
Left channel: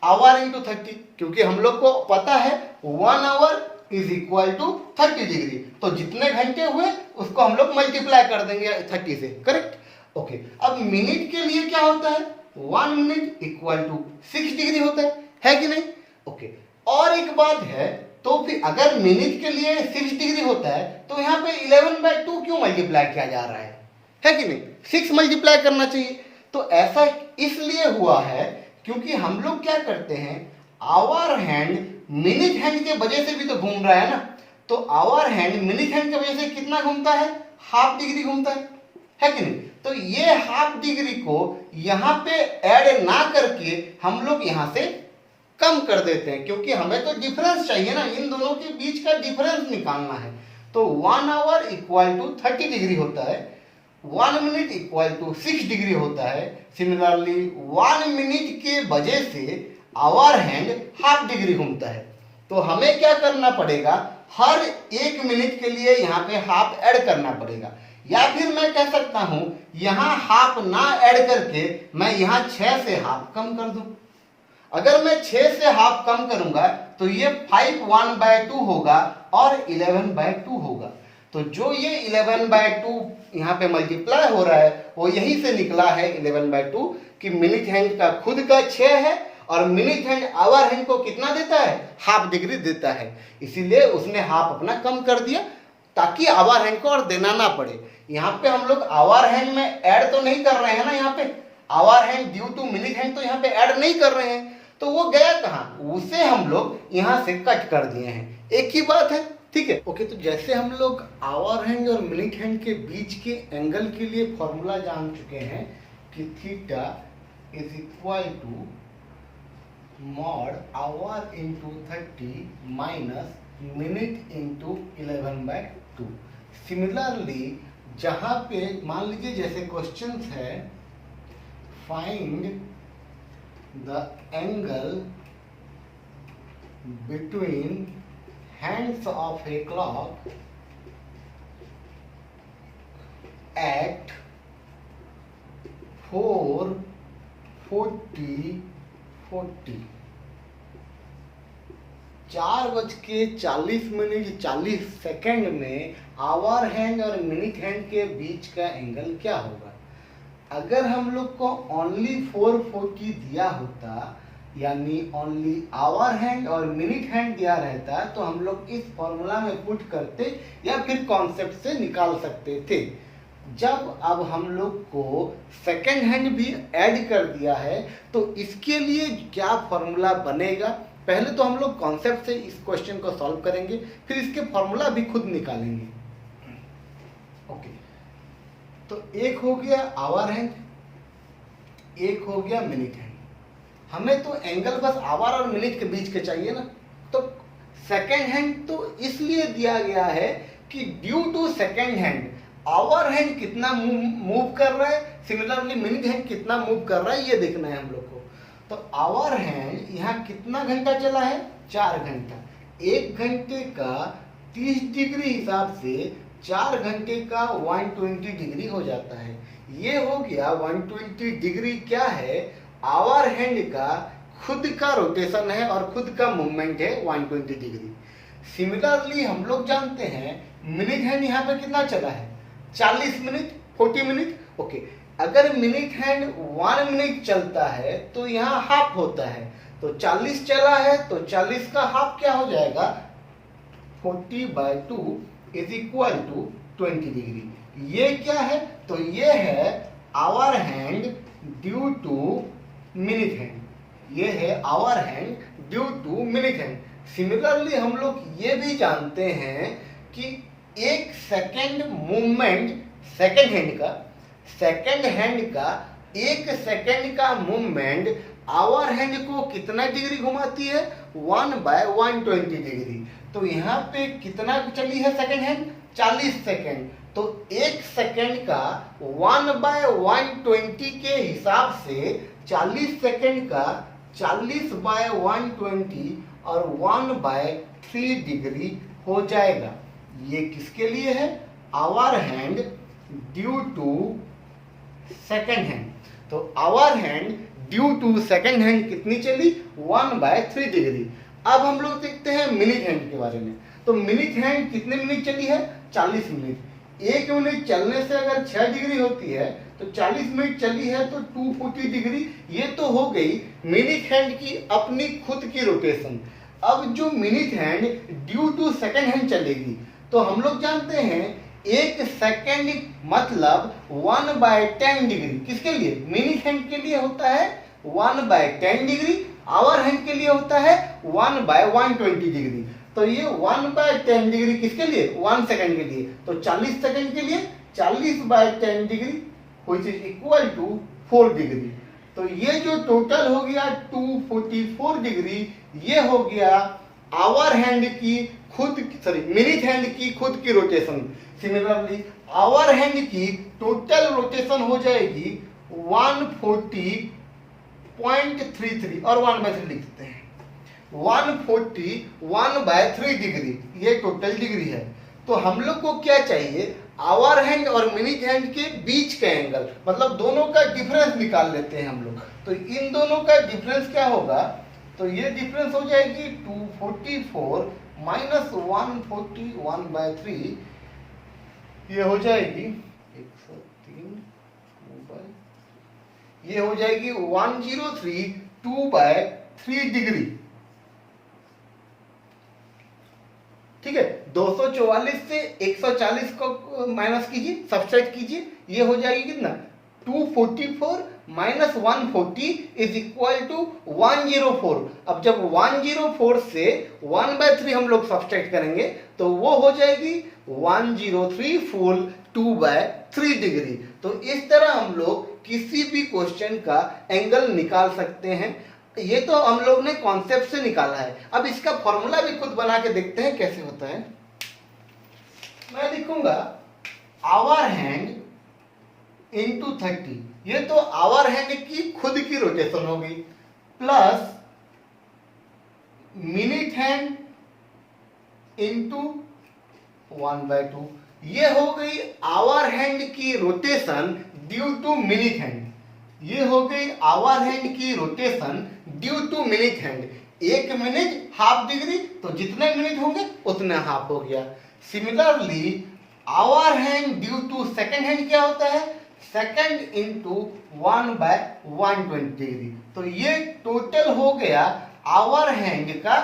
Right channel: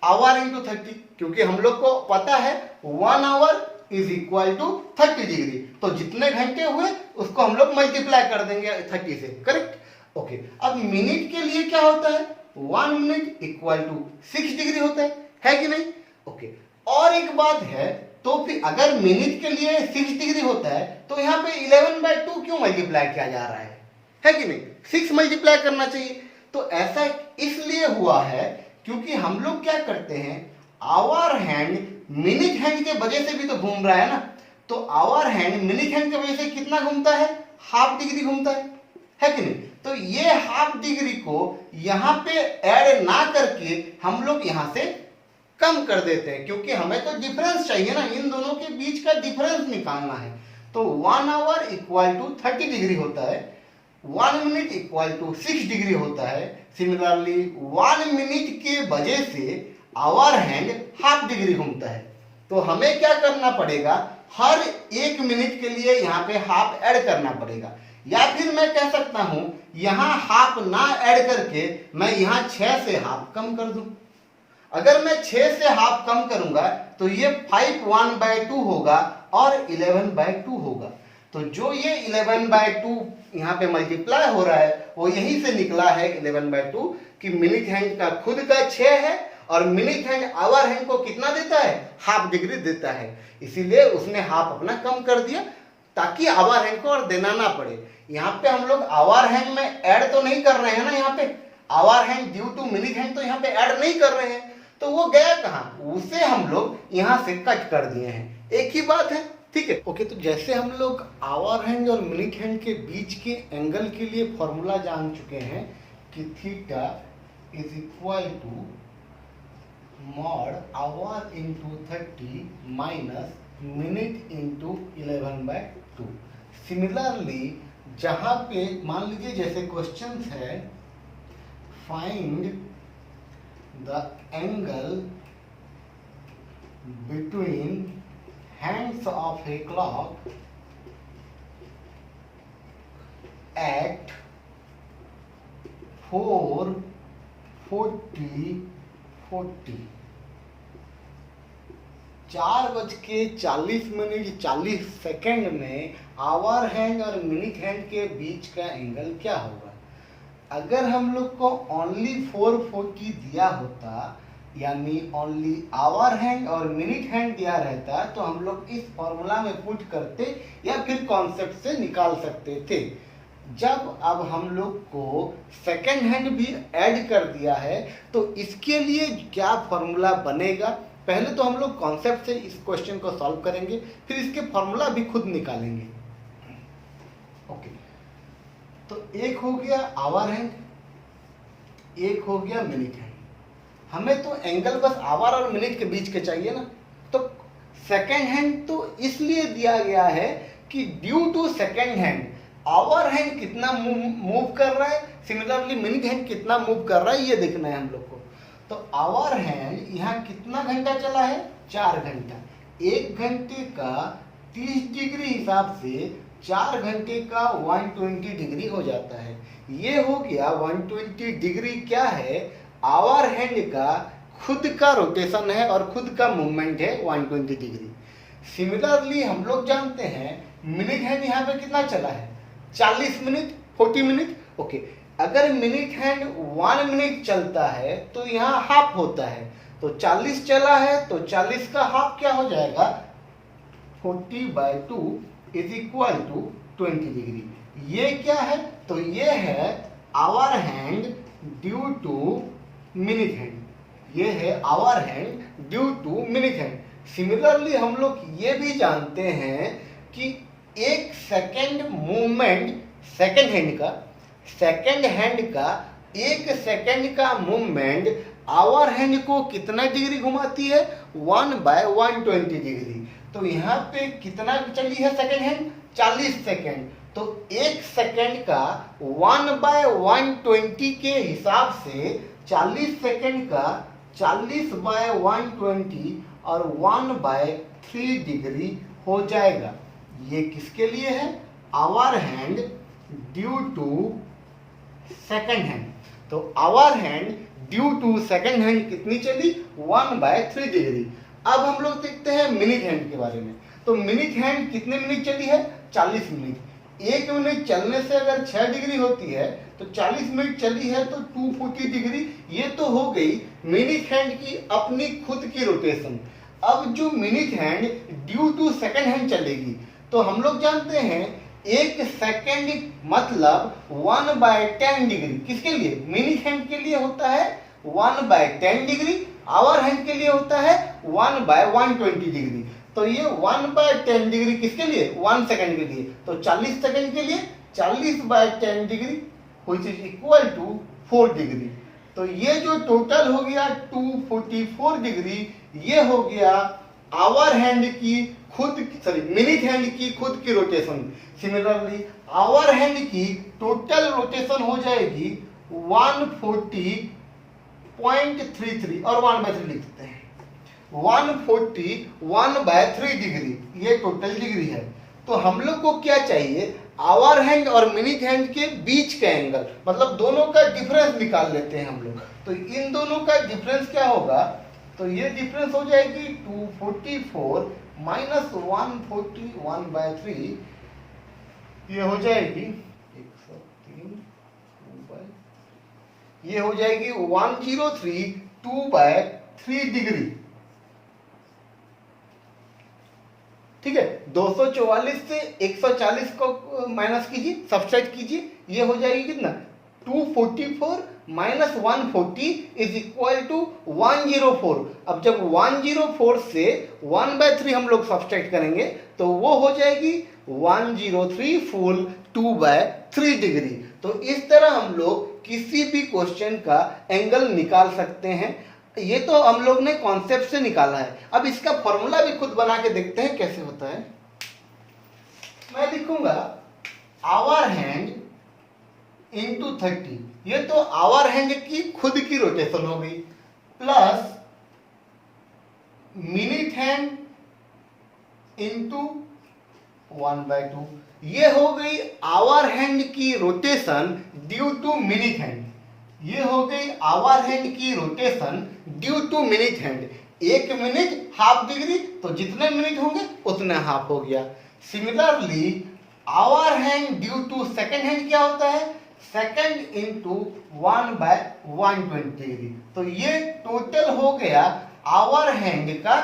आवर इंटू 30, क्योंकि हम लोग को पता है 1 hour is equal to 30 degree. तो जितने घंटे हुए उसको हम लोग मल्टीप्लाई कर देंगे 30 से, करेक्ट। ओके, अब मिनट के लिए क्या होता है, 1 मिनट इक्वल टू 6 डिग्री होता है कि नहीं। ओके, और एक बात है, तो फिर अगर मिनट के लिए 6 डिग्री होता है तो यहाँ पे 11/2 क्यों मल्टीप्लाई किया जा रहा है कि नहीं, 6 मल्टीप्लाई करना चाहिए। तो ऐसा इसलिए हुआ है क्योंकि हम लोग क्या करते हैं, आवर हैंड मिनट हैंड के वजह से भी तो घूम रहा है ना। तो आवर हैंड मिनट हैंड की वजह से कितना घूमता है, हाफ डिग्री घूमता है कि नहीं। तो ये हाफ डिग्री को यहां पे ऐड ना करके हम लोग यहां से कम कर देते हैं, क्योंकि हमें तो डिफरेंस चाहिए ना, इन दोनों के बीच का डिफरेंस निकालना है। तो 1 आवर इक्वल टू 30 डिग्री होता है, 1 मिनट इक्वल टू 6 डिग्री होता है। सिमिलरली 1 मिनट के वजह से आवर हैंड हाफ डिग्री घूमता है। तो हमें क्या करना पड़ेगा, हर 1 मिनट के लिए यहाँ पे हाफ ऐड करना पड़ेगा, या फिर मैं कह सकता हूं यहां हाफ ना ऐड करके मैं यहां 6 से हाफ कम कर दूं। अगर मैं 6 से हाफ कम करूंगा तो ये 5 1/2 होगा और 11/2 होगा। तो जो ये 11/2 यहाँ पे मल्टीप्लाई हो रहा है वो यही से निकला है 11/2 कि मिनिट हैंड का खुद का 6 है और मिनिट हैंड आवर हैंड को कितना देता है, हाफ डिग्री देता है, इसीलिए उसने हाफ अपना कम कर दिया ताकि आवर हैंड को और देना ना पड़े। यहाँ पे हम लोग आवर हैंड में ऐड तो नहीं कर रहे हैं ना, यहाँ पे hour hand due to minute hand तो यहाँ पे ऐड नहीं कर रहे हैं, तो वो गया कहाँ, उसे हम लोग यहाँ से कट कर दिए हैं, एक ही बात है, ठीक है। ओके, तो जैसे हम लोग आवर हैंड और मिनिट हैंड के बीच के एंगल के लिए फॉर्मूला जान चुके हैं कि theta is equal to mod hour into 30 minus minute into 11/2। Similarly जहां पे मान लीजिए जैसे क्वेश्चन है find the angle between hands of a clock at 4:40 4:40 में आवर हैंड और मिनिट हैंड के बीच का एंगल क्या होगा। अगर हम लोग को ओनली 440 दिया होता यानी ओनली आवर हैंड और मिनिट हैंड दिया रहता तो हम लोग इस फॉर्मूला में पुट करते या फिर कॉन्सेप्ट से निकाल सकते थे। जब अब हम लोग को सेकेंड हैंड भी ऐड कर दिया है तो इसके लिए क्या फॉर्मूला बनेगा, पहले तो हम लोग कॉन्सेप्ट से इस क्वेश्चन को सॉल्व करेंगे, फिर इसके फॉर्मूला भी खुद निकालेंगे। ओके, तो एक हो गया आवर हैंड, एक हो गया मिनिट हैंड। हमें तो एंगल बस आवर और मिनट के बीच के चाहिए ना, तो सेकेंड हैंड तो इसलिए दिया गया है कि due to second hand hour hand कितना मूव कर रहा है, सिमिलरली मिनट हैंड कितना मूव कर रहा है, ये देखना है हम लोग को। तो आवर हैंड यहाँ कितना घंटा चला है, 4 घंटा। 1 घंटे का 30 डिग्री हिसाब से 4 घंटे का 120 डिग्री हो जाता है। ये हो गया 120 डिग्री क्या है, आवर हैंड का खुद का रोटेशन है और खुद का मूवमेंट है 120 डिग्री। सिमिलरली हम लोग जानते हैं मिनट हैंड यहाँ पे कितना चला है, 40 मिनट 40 मिनट। ओके, अगर मिनट हैंड 1 मिनट चलता है तो यहाँ हाफ होता है, तो 40 चला है तो 40 का हाफ क्या हो जाएगा, 40/2 इज इक्वल टू 20 डिग्री। ये क्या है, तो ये है hour hand due to minute hand, ये है hour hand due to minute hand. Similarly हम लोग ये भी जानते हैं कि एक सेकेंड मूवमेंट सेकेंड हैंड का 1 सेकेंड का मूवमेंट आवर हैंड को कितना डिग्री घुमाती है, 1/120 डिग्री। तो यहाँ पे कितना चली है सेकेंड हैंड, 40 सेकेंड। तो 1 सेकेंड का 1/120 के हिसाब से 40 सेकेंड का 40/120 और 1/3 डिग्री हो जाएगा। ये किसके लिए है, hour hand due to second hand. तो hour hand due to second hand कितनी चली, 1/3 डिग्री। अब हम लोग देखते हैं मिनट हैंड के बारे में। तो मिनट हैंड कितने मिनट चली है, 40 मिनट। 1 मिनट चलने से अगर 6 डिग्री होती है तो 40 मिनट चली है तो 240 डिग्री। ये तो हो गई मिनट हैंड की अपनी खुद की रोटेशन। अब जो minute hand due to second hand चलेगी तो हम लोग जानते हैं 1 सेकेंड मतलब 1/10 डिग्री। किसके लिए, मिनट हैंड के लिए होता है 1/10 डिग्री, आवर हैंड के लिए होता है 1/120 डिग्री। तो ये 1/10 डिग्री किसके लिए, 1 सेकेंड के लिए। तो 40 सेकेंड के लिए 40/10 degree which is equal to 4 degree. तो ये जो टोटल हो गया 244 डिग्री, ये हो गया आवर हैंड की मिनट हैंड की खुद की रोटेशन। सिमिलरली आवर हैंड की टोटल रोटेशन हो जाएगी 140.33 और 1/3 लिखते हैं, 140 डिग्री ये टोटल डिग्री है। तो हम लोग को क्या चाहिए, आवर हैंड और मिनट हैंड के बीच का एंगल, मतलब दोनों का डिफरेंस निकाल लेते हैं हम लोग। तो इन दोनों का डिफरेंस क्या होगा, तो ये डिफरेंस हो जाएगी 244 माइनस 141/3, ये हो जाएगी 103 ये हो जाएगी 1032/3 डिग्री। ठीक है, 244 से 140 को माइनस कीजिए, सब्सट्रैक्ट कीजिए, ये हो जाएगी कितना 244 माइनस 140 इज इक्वल टू 104। अब जब 104 से 1/3 हम लोग सब्सट्रैक्ट करेंगे तो वो हो जाएगी 103 फुल 2/3 डिग्री। तो इस तरह हम लोग किसी भी क्वेश्चन का एंगल निकाल सकते हैं। ये तो हम लोग ने कॉन्सेप्ट से निकाला है, अब इसका फॉर्मूला भी खुद बना के देखते हैं कैसे होता है। मैं लिखूंगा आवर हैंड इंटू 30, ये तो आवर हैंड की खुद की रोटेशन हो गई, प्लस मिनट हैंड इंटू 1/2, ये हो गई आवर हैंड की rotation due to minute hand. ये हो गई आवर हैंड की rotation due to minute hand. 1 minute half degree, तो जितने मिनट होंगे उतने हाफ हो गया। Similarly hour hand due to second hand क्या होता है, सेकेंड इंटू 1/120 डिग्री। तो ये टोटल हो गया आवर हैंड का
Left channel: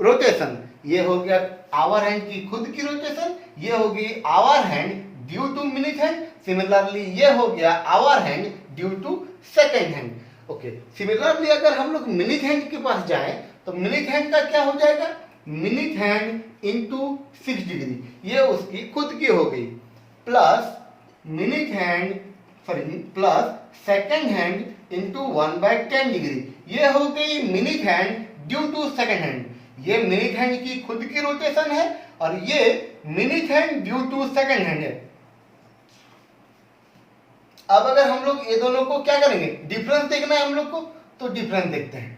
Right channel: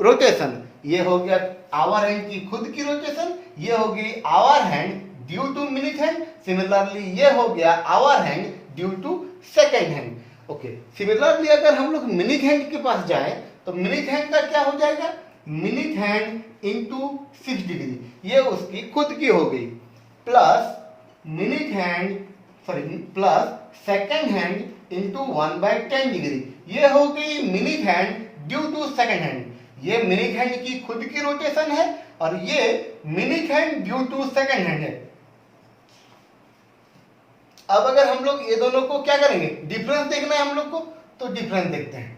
रोटेशन। ये हो गया आवर हैंड की खुद की रोटेशन, ये हो गई hour hand due to minute hand. Similarly ये हो गया hour hand due to second hand. Okay, similarly अगर हम लोग मिनट हैंड के पास जाए तो मिनट हैंड का क्या हो जाएगा, मिनट हैंड इंटू 6 डिग्री, ये उसकी खुद की हो गई, plus minute hand plus second hand into 1/10 degree, ये हो गई minute hand due to second hand. ये मिनट हैंड की खुद की रोटेशन है और ये minute hand due to second hand है। अब अगर हम लोग ये दोनों को क्या करेंगे, डिफरेंस देखना है हम लोग को, तो डिफरेंस देखते हैं।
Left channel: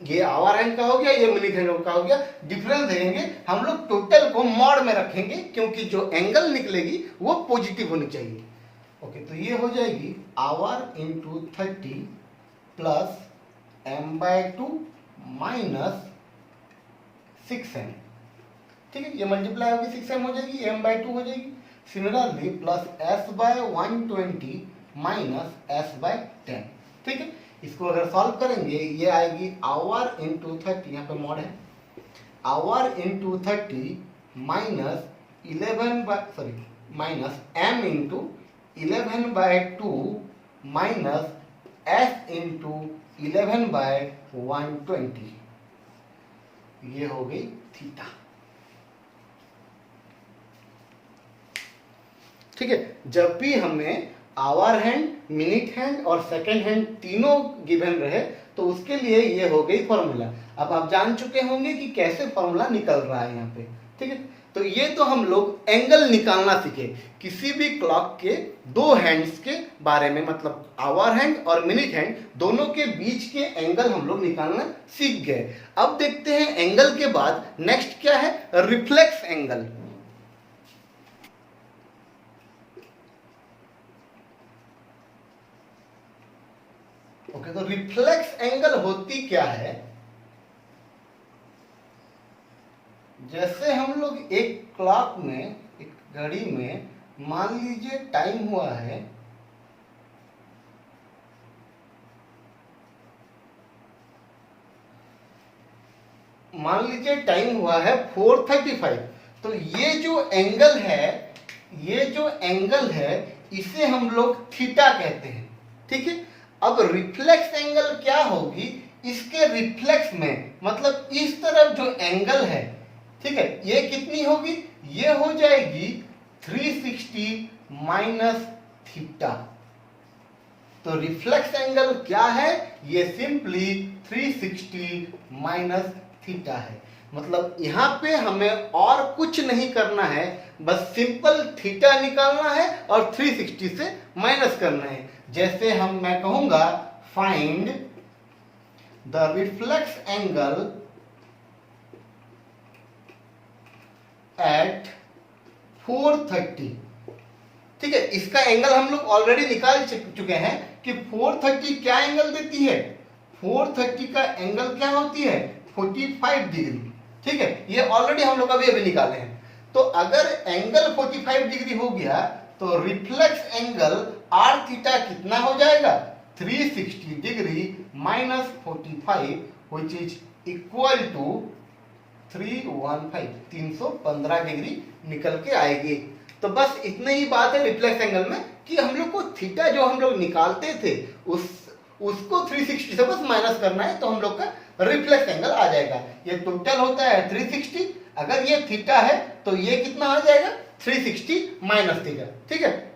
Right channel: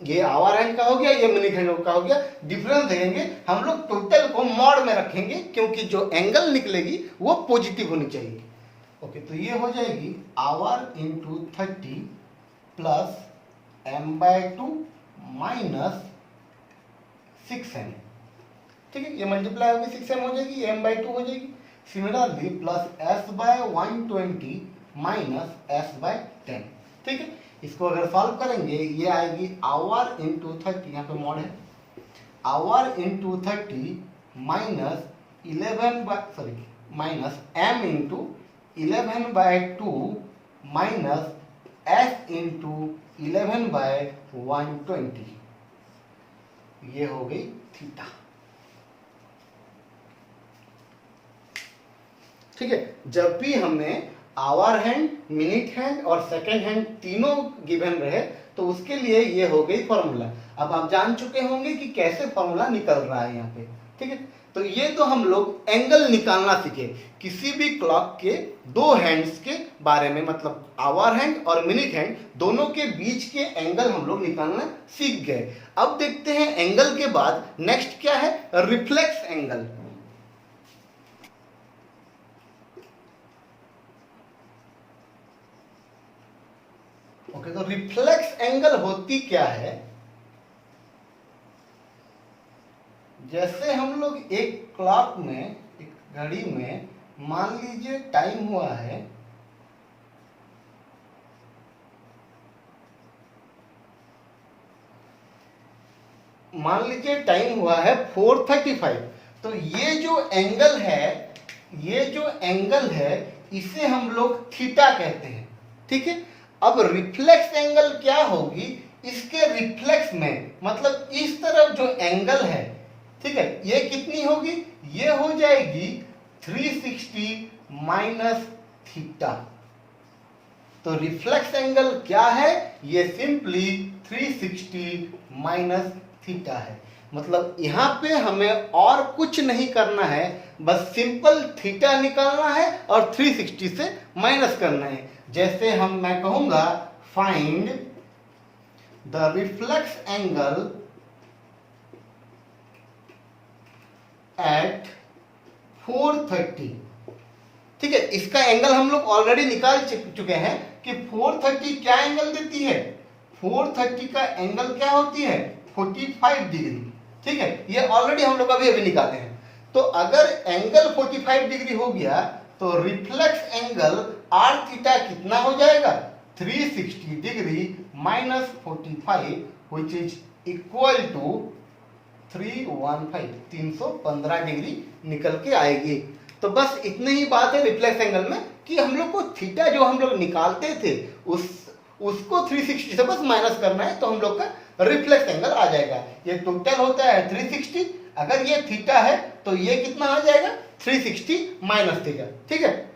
ये आवर हैंड का हो गया, ये मिनट हैंड का हो गया, डिफरेंस देंगे हम लोग, टोटल को मॉड में रखेंगे क्योंकि जो एंगल निकलेगी वो पॉजिटिव होनी चाहिए। ओके, तो ये हो जाएगी our into 30 plus m/2 minus 6m। ठीक है, ये मल्टीप्लाई होगी 6m हो जाएगी, m/2 हो जाएगी। Similarly plus s/120 minus s/10। ठीक है, इसको अगर सॉल्व करेंगे ये आएगी आवर इंटू 30, यहाँ पे मॉड है, our into 30 minus minus m into 11/2 minus s into 11/120, ये हो गई थीटा। ठीक है, जब भी हमें आवर हैंड, मिनट हैंड और सेकेंड हैंड तीनों गिवन रहे तो उसके लिए ये हो गई फॉर्मूला। अब आप जान चुके होंगे कि कैसे फॉर्मूला निकल रहा है यहाँ पे। ठीक है, तो ये तो हम लोग एंगल निकालना सीखे किसी भी क्लॉक के दो हैंड्स के बारे में, मतलब आवर हैंड और मिनट हैंड दोनों के बीच के एंगल हम लोग निकालना सीख गए। अब देखते हैं एंगल के बाद नेक्स्ट क्या है, रिफ्लेक्स एंगल। ओके, तो रिफ्लेक्स एंगल होती क्या है, जैसे हम लोग एक क्लॉक में, एक घड़ी में मान लीजिए टाइम हुआ है मान लीजिए टाइम हुआ है 4:35, तो ये जो एंगल है इसे हम लोग थीटा कहते हैं। ठीक है, अब रिफ्लेक्स एंगल क्या होगी, इसके रिफ्लेक्स में मतलब इस तरफ जो एंगल है, ठीक है, ये कितनी होगी, ये हो जाएगी 360 माइनस थीटा। तो रिफ्लेक्स एंगल क्या है, ये सिंपली 360 माइनस थीटा है। मतलब यहां पे हमें और कुछ नहीं करना है, बस सिंपल थीटा निकालना है और 360 से माइनस करना है। जैसे मैं कहूंगा find the reflex angle at 4:30। ठीक है, इसका एंगल हम लोग ऑलरेडी निकाल चुके हैं कि 4:30 क्या एंगल देती है, 430 का एंगल क्या होती है 45 डिग्री। ठीक है, ये ऑलरेडी हम लोग अभी निकाले हैं। तो अगर एंगल 45 डिग्री हो गया तो रिफ्लेक्स एंगल आर थीटा कितना हो जाएगा 360 degree minus 45 which is equal to 315 degree निकल के आएगी। तो बस इतनी ही बात है रिफ्लेक्स एंगल में कि हम लोग को थीटा जो हम लोग निकालते थे उसको 360 से बस माइनस करना है तो हम लोग का रिफ्लेक्स एंगल आ जाएगा। ये टोटल होता है 360, अगर ये थीटा है तो ये कितना आ जाएगा 360 माइनस थीटा। ठीक है,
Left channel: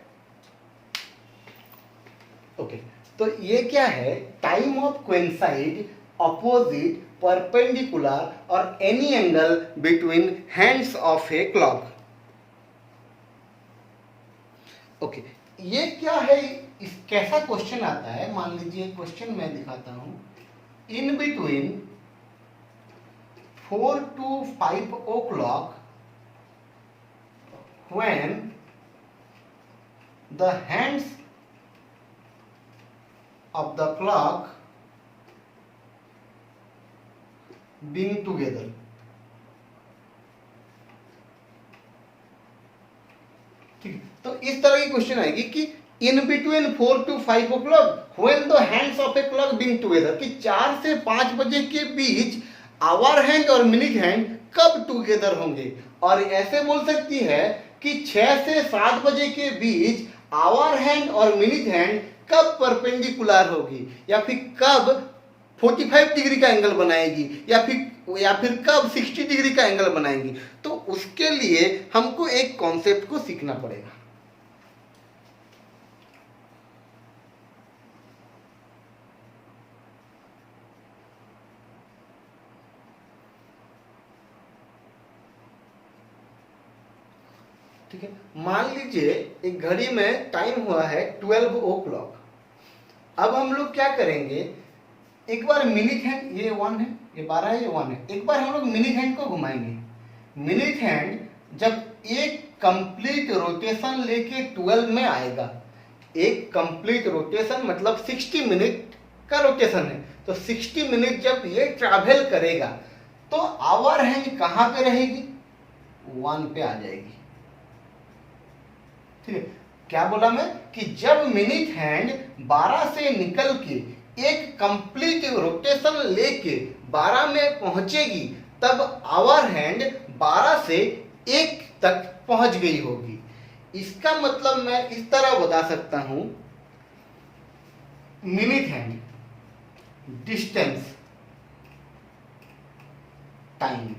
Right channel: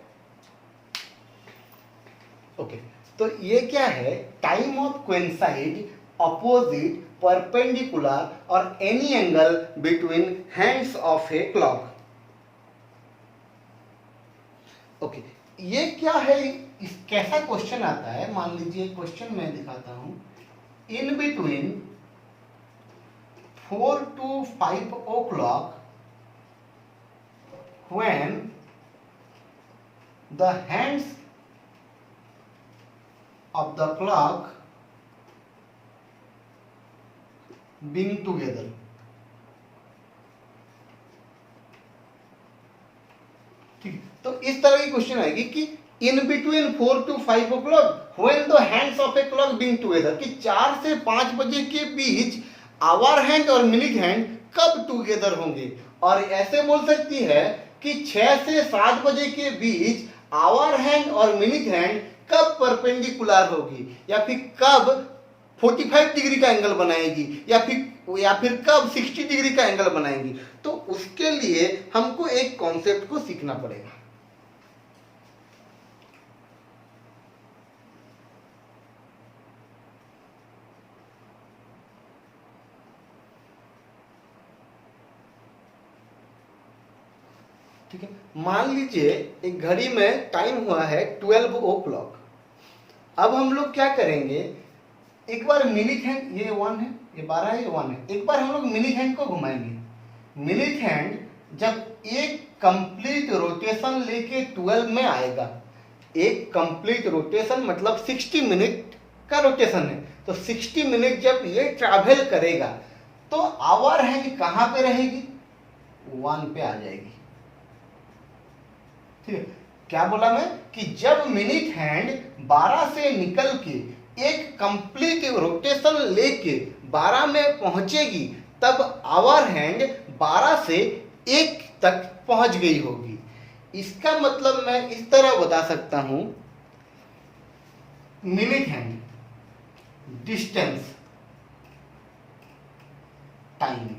ओके। तो ये क्या है time of coincide opposite perpendicular और any angle between hands of a clock. Okay, ये क्या है, इस कैसा क्वेश्चन आता है, मान लीजिए क्वेश्चन मैं दिखाता हूं। In between 4 to 5 o'clock when the hands of the clock being together। ठीक, तो इस तरह की क्वेश्चन आएगी कि in between 4 to 5 o'clock when the hands of a clock being together, कि 4 से 5 बजे के बीच आवर हैंड और मिनट हैंड कब टुगेदर होंगे। और ऐसे बोल सकती है कि 6 से 7 बजे के बीच आवर हैंड और मिनट हैंड कब परपेंडिकुलर होगी, या फिर कब 45 डिग्री का एंगल बनाएगी, या फिर कब 60 डिग्री का एंगल बनाएगी। तो उसके लिए हमको एक कॉन्सेप्ट को सीखना पड़ेगा। ठीक है, मान लीजिए एक घड़ी में टाइम हुआ है 12 o'clock। अब हम लोग क्या करेंगे, एक बार मिनट हैंड, ये 1 है, ये 12 है, ये 1 है, एक बार हम लोग मिनट हैंड को घुमाएंगे। मिनट हैंड जब एक कंप्लीट रोटेशन लेके 12 में आएगा, एक कंप्लीट रोटेशन मतलब 60 मिनट का रोटेशन है, तो 60 मिनट जब ये ट्रैवल करेगा तो आवर हैंड कहां पे रहेगी 1 पे आ जाएगी। ठीक है, क्या बोला मैं कि जब मिनट हैंड 12 से निकल के एक कंप्लीट रोटेशन लेके 12 में पहुंचेगी तब आवर हैंड 12 से 1 तक पहुंच गई होगी। इसका मतलब मैं इस तरह बता सकता हूं, मिनट हैंड डिस्टेंस टाइम।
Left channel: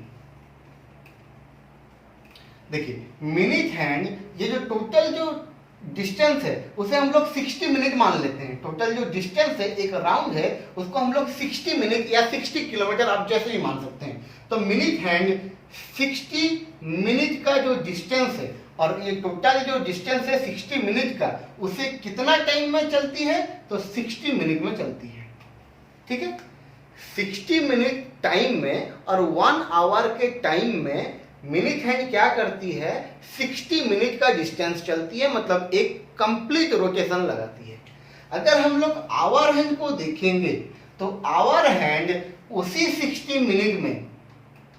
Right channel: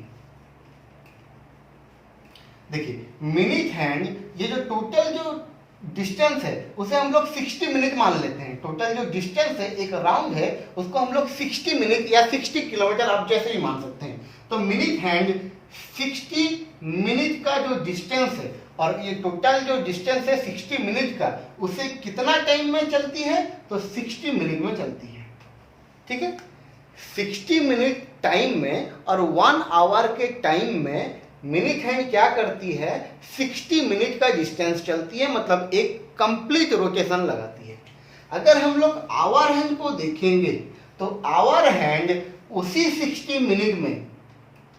देखिए मिनट हैंड, ये जो टोटल जो डिस्टेंस है उसे हम लोग 60 मिनट मान लेते हैं। टोटल जो डिस्टेंस है एक राउंड है उसको हम लोग 60 मिनट या 60 किलोमीटर आप जैसे ही मान सकते हैं। तो मिनट हैंड 60 मिनट का जो डिस्टेंस है और ये टोटल जो डिस्टेंस है 60 मिनट का, उसे कितना टाइम में चलती है तो 60 मिनट में चलती है। ठीक है, 60 मिनट टाइम में और 1 आवर के टाइम में मिनट हैंड क्या करती है 60 मिनट का डिस्टेंस चलती है, मतलब एक कंप्लीट रोटेशन लगाती है। अगर हम लोग आवर हैंड को देखेंगे तो आवर हैंड उसी 60 मिनट में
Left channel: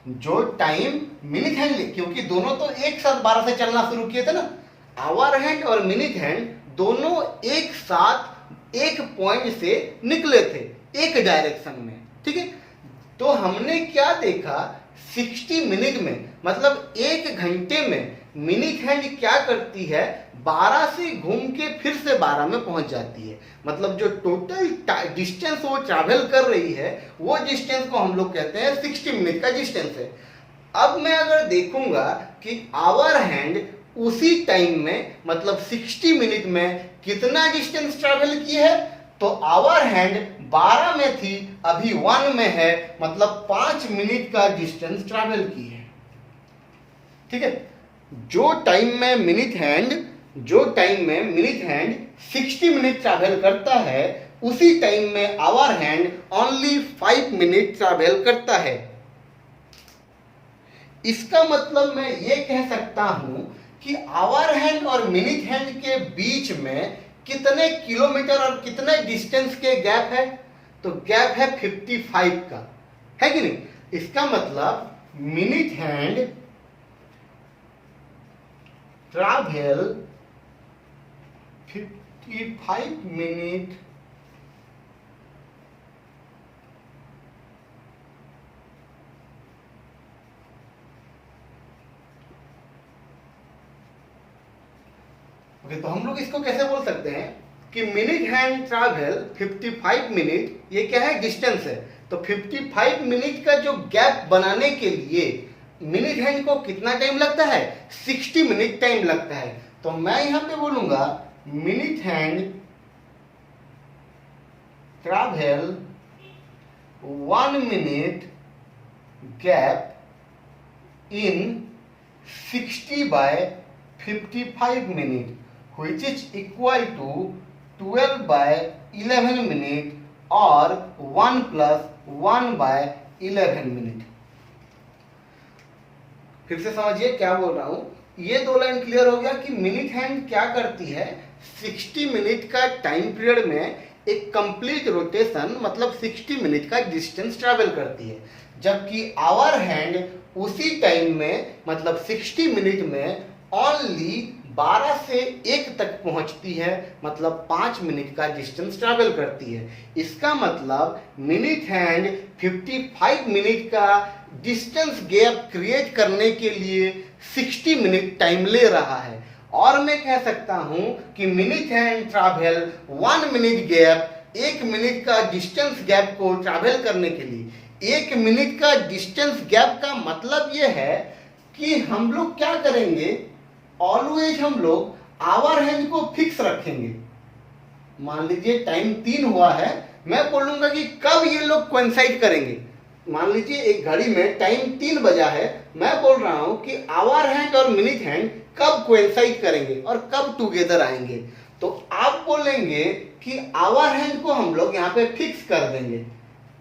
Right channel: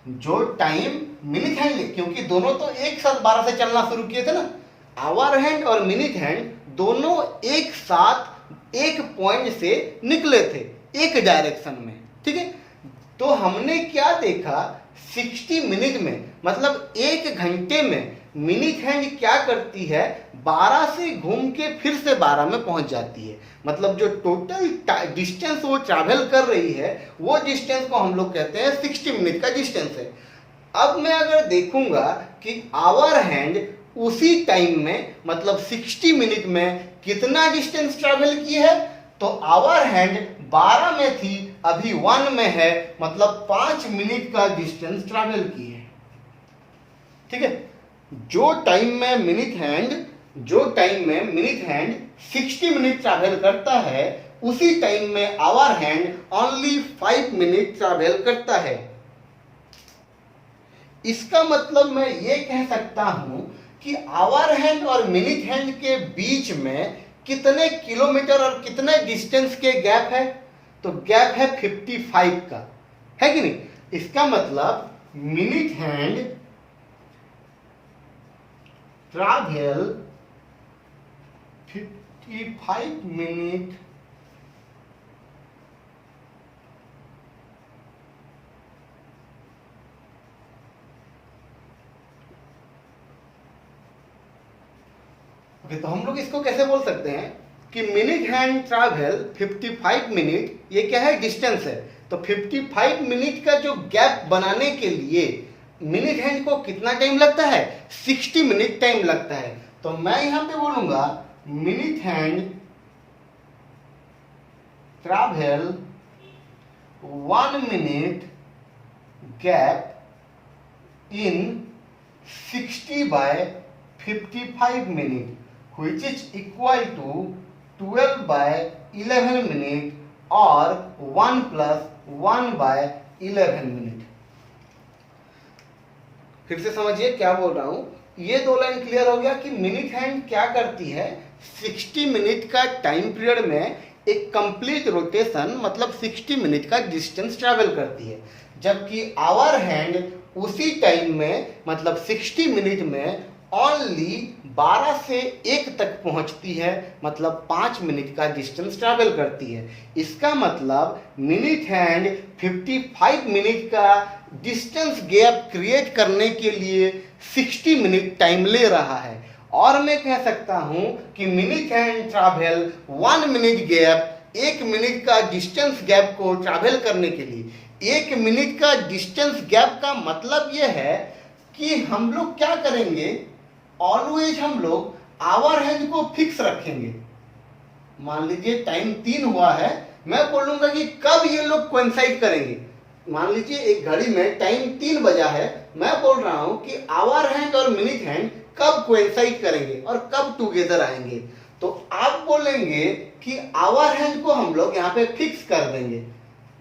जो टाइम मिनट हैंड, क्योंकि दोनों तो एक साथ 12 से चलना शुरू किए थे ना, आवर हैंड और मिनट हैंड दोनों एक साथ एक पॉइंट से निकले थे एक डायरेक्शन में। ठीक है, तो हमने क्या देखा 60 मिनट में, मतलब 1 घंटे में मिनट हैंड क्या करती है 12 से घूम के फिर से 12 में पहुंच जाती है। मतलब जो टोटल डिस्टेंस वो ट्रैवल कर रही है वो डिस्टेंस को हम लोग कहते हैं 60 मिनट का डिस्टेंस है। अब मैं अगर देखूंगा कि आवर हैंड उसी टाइम में मतलब 60 मिनट में कितना डिस्टेंस ट्रैवल की है, तो आवर हैंड 12 में थी अभी 1 में है, मतलब 5 मिनट का डिस्टेंस ट्रैवल की है। ठीक है, जो टाइम में मिनट हैंड 60 मिनट ट्रैवल करता है उसी टाइम में hour hand only 5 minute travel करता है। इसका मतलब मैं ये कह सकता हूं कि आवर हैंड और मिनट हैंड के बीच में कितने किलोमीटर और कितने डिस्टेंस के गैप है, तो गैप है 55 का, है कि नहीं? इसका मतलब minute hand travel 55 minute okay. तो हम लोग इसको कैसे बोल सकते हैं कि मिनट हैंड ट्रैवल 55 मिनट, ये क्या है? डिस्टेंस है। तो 55 मिनट का जो गैप बनाने के लिए मिनट हैंड को कितना टाइम लगता है? 60 मिनट टाइम लगता है। तो मैं यहां पे बोलूंगा minute hand travel 1 minute gap in 60/55 minute, which is equal to 12/11 minute और 1 + 1/11 मिनट। फिर से समझिए क्या बोल रहा हूं। ये दो लाइन क्लियर हो गया कि मिनट हैंड क्या करती है? 60 मिनट का टाइम पीरियड में एक कंप्लीट रोटेशन मतलब 60 मिनट का डिस्टेंस ट्रैवल करती है, जबकि आवर हैंड उसी टाइम में मतलब 60 मिनट में ओनली 12 से 1 तक पहुंचती है, मतलब 5 मिनट का डिस्टेंस ट्रैवल करती है। इसका मतलब मिनट हैंड 55 मिनट का डिस्टेंस गैप क्रिएट करने के लिए 60 मिनट टाइम ले रहा है। और मैं कह सकता हूं कि minute hand travel 1 minute gap, 1 minute का डिस्टेंस गैप को ट्रैवल करने के लिए 1 मिनट का डिस्टेंस गैप का मतलब यह है कि हम लोग क्या करेंगे? ऑलवेज हम लोग आवर हैंड को फिक्स रखेंगे। मान लीजिए टाइम 3 हुआ है, मैं बोलूंगा कि कब ये लोग कोइंसाइड करेंगे। मान लीजिए एक घड़ी में टाइम 3 बजा है, मैं बोल रहा हूं कि आवर हैंड और मिनट हैंड कब कोइंसाइड करेंगे और कब टुगेदर आएंगे। तो आप बोलेंगे कि आवर हैंड को हम लोग यहाँ पे फिक्स कर देंगे,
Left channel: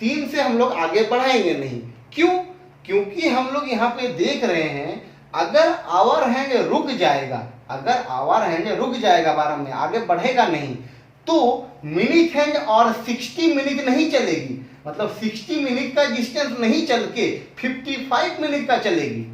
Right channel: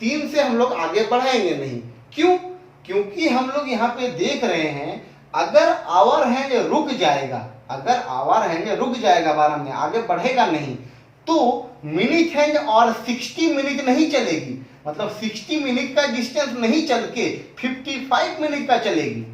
3 से हम लोग आगे बढ़ाएंगे नहीं। क्यों? क्योंकि हम लोग यहाँ पे देख रहे हैं अगर आवर हैंड रुक जाएगा, अगर आवर हैंड रुक जाएगा 12 में, आगे बढ़ेगा नहीं, तो मिनट हैंड और 60 मिनट नहीं चलेगी, मतलब 60 मिनट का डिस्टेंस नहीं चल के 55 मिनट का चलेगी।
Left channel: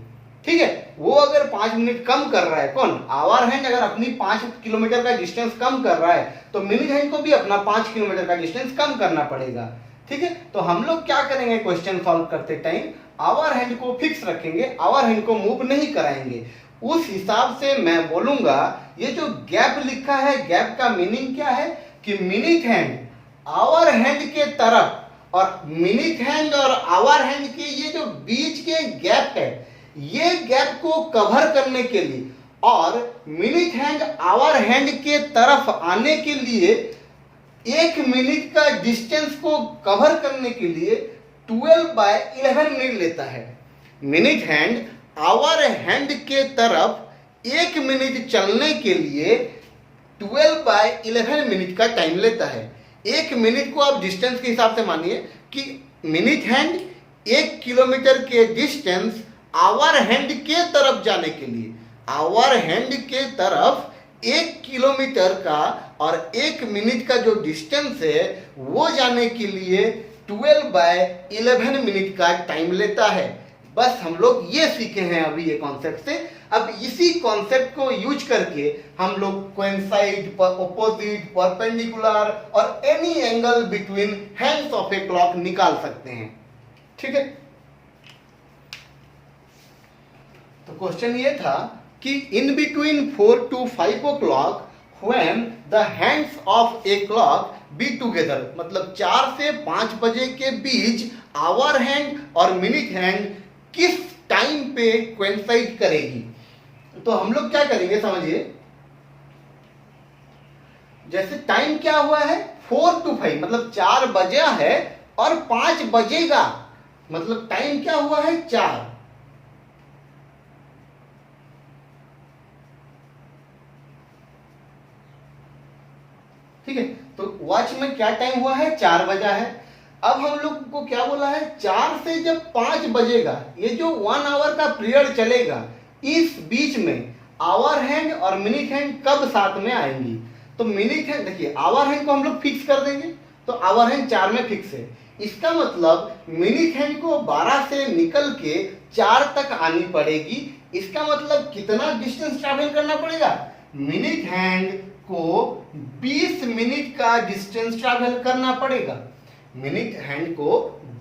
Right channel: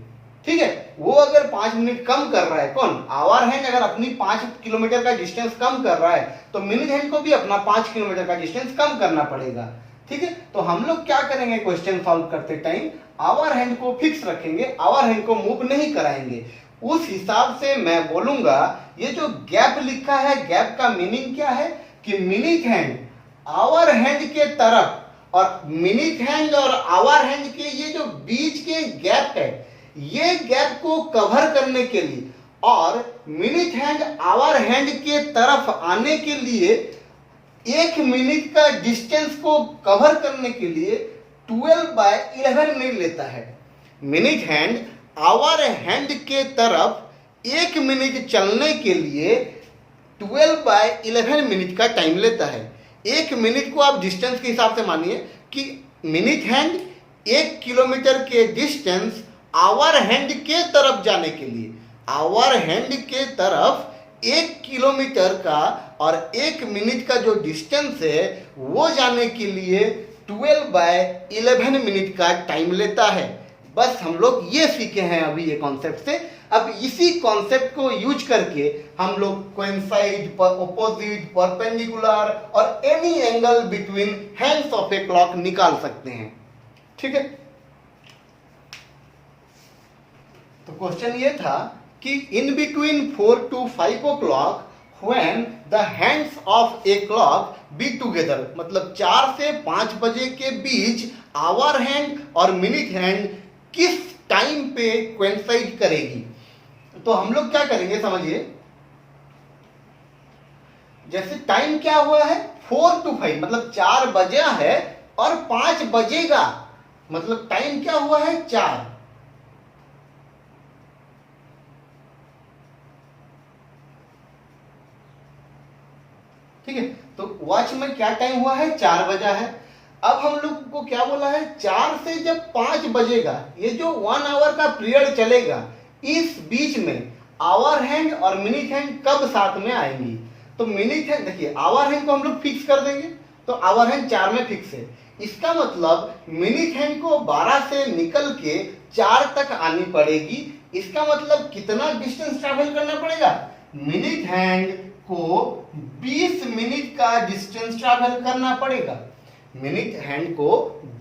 ठीक है, वो अगर 5 मिनट कम कर रहा है, कौन? आवर हैंड अगर अपनी 5 किलोमीटर का डिस्टेंस कम कर रहा है तो मिनट हैंड को भी अपना 5 किलोमीटर का डिस्टेंस कम करना पड़ेगा। ठीक है, तो हम लोग क्या करेंगे? क्वेश्चन सॉल्व करते टाइम आवर हैंड को फिक्स रखेंगे, आवर हैंड को मूव नहीं कराएंगे। उस हिसाब से मैं बोलूंगा ये जो गैप लिखा है, गैप का मीनिंग क्या है कि मिनट हैंड आवर हैंड के तरफ और मिनट हैंड और आवर हैंड के ये जो बीच के गैप है, ये गैप को कवर करने के लिए और मिनट हैंड आवर हैंड के तरफ आने के लिए 1 मिनट का डिस्टेंस को कवर करने के लिए 12/11 मिनट लेता है। मिनट हैंड आवर हैंड के तरफ 1 मिनट चलने के लिए 12/11 मिनट का टाइम लेता है। 1 मिनट को आप डिस्टेंस के हिसाब से मानिए कि मिनट हैंड 1 किलोमीटर के डिस्टेंस आवर हैंड के तरफ जाने के लिए, आवर हैंड के तरफ 1 किलोमीटर का और 1 मिनट का जो डिस्टेंस है वो जाने के लिए 12/11 मिनट का टाइम लेता है। बस हम लोग ये सीखे हैं अभी ये कॉन्सेप्ट से। अब इसी कॉन्सेप्ट को यूज करके हम लोग कोइंसाइड, ऑपोजिट, परपेंडिकुलर और any angle between hands of a clock निकाल सकते हैं। ठीक है, तो क्वेश्चन ये था कि in between 4 to 5 o'clock when the hands of a clock be together, मतलब 4 से 5 बजे के बीच आवर हैंड और मिनट हैंड किस टाइम पे कोइंसाइड करेगी। तो हम लोग क्या करेंगे समझिए, जैसे टाइम क्या हुआ है 4 to 5, मतलब 4 बजा है और 5 बजेगा, मतलब टाइम क्या हुआ है 4। ठीक है, तो वॉच में क्या टाइम हुआ है 4 बजा है। अब हम लोग को क्या बोला है 4 से जब 5 बजेगा, ये जो 1 आवर का पीरियड चलेगा, इस बीच में आवर हैंड और मिनट हैंड कब साथ में आएंगी। तो मिनट हैंड देखिए, आवर हैंड को हम लोग फिक्स कर देंगे, तो आवर हैंड 4 में फिक्स है। इसका मतलब मिनिट हैंड को 12 से निकल के 4 तक आनी पड़ेगी। इसका मतलब कितना डिस्टेंस ट्रैवल करना पड़ेगा? मिनिट हैंड को 20 मिनट का डिस्टेंस ट्रैवल करना पड़ेगा। मिनिट हैंड को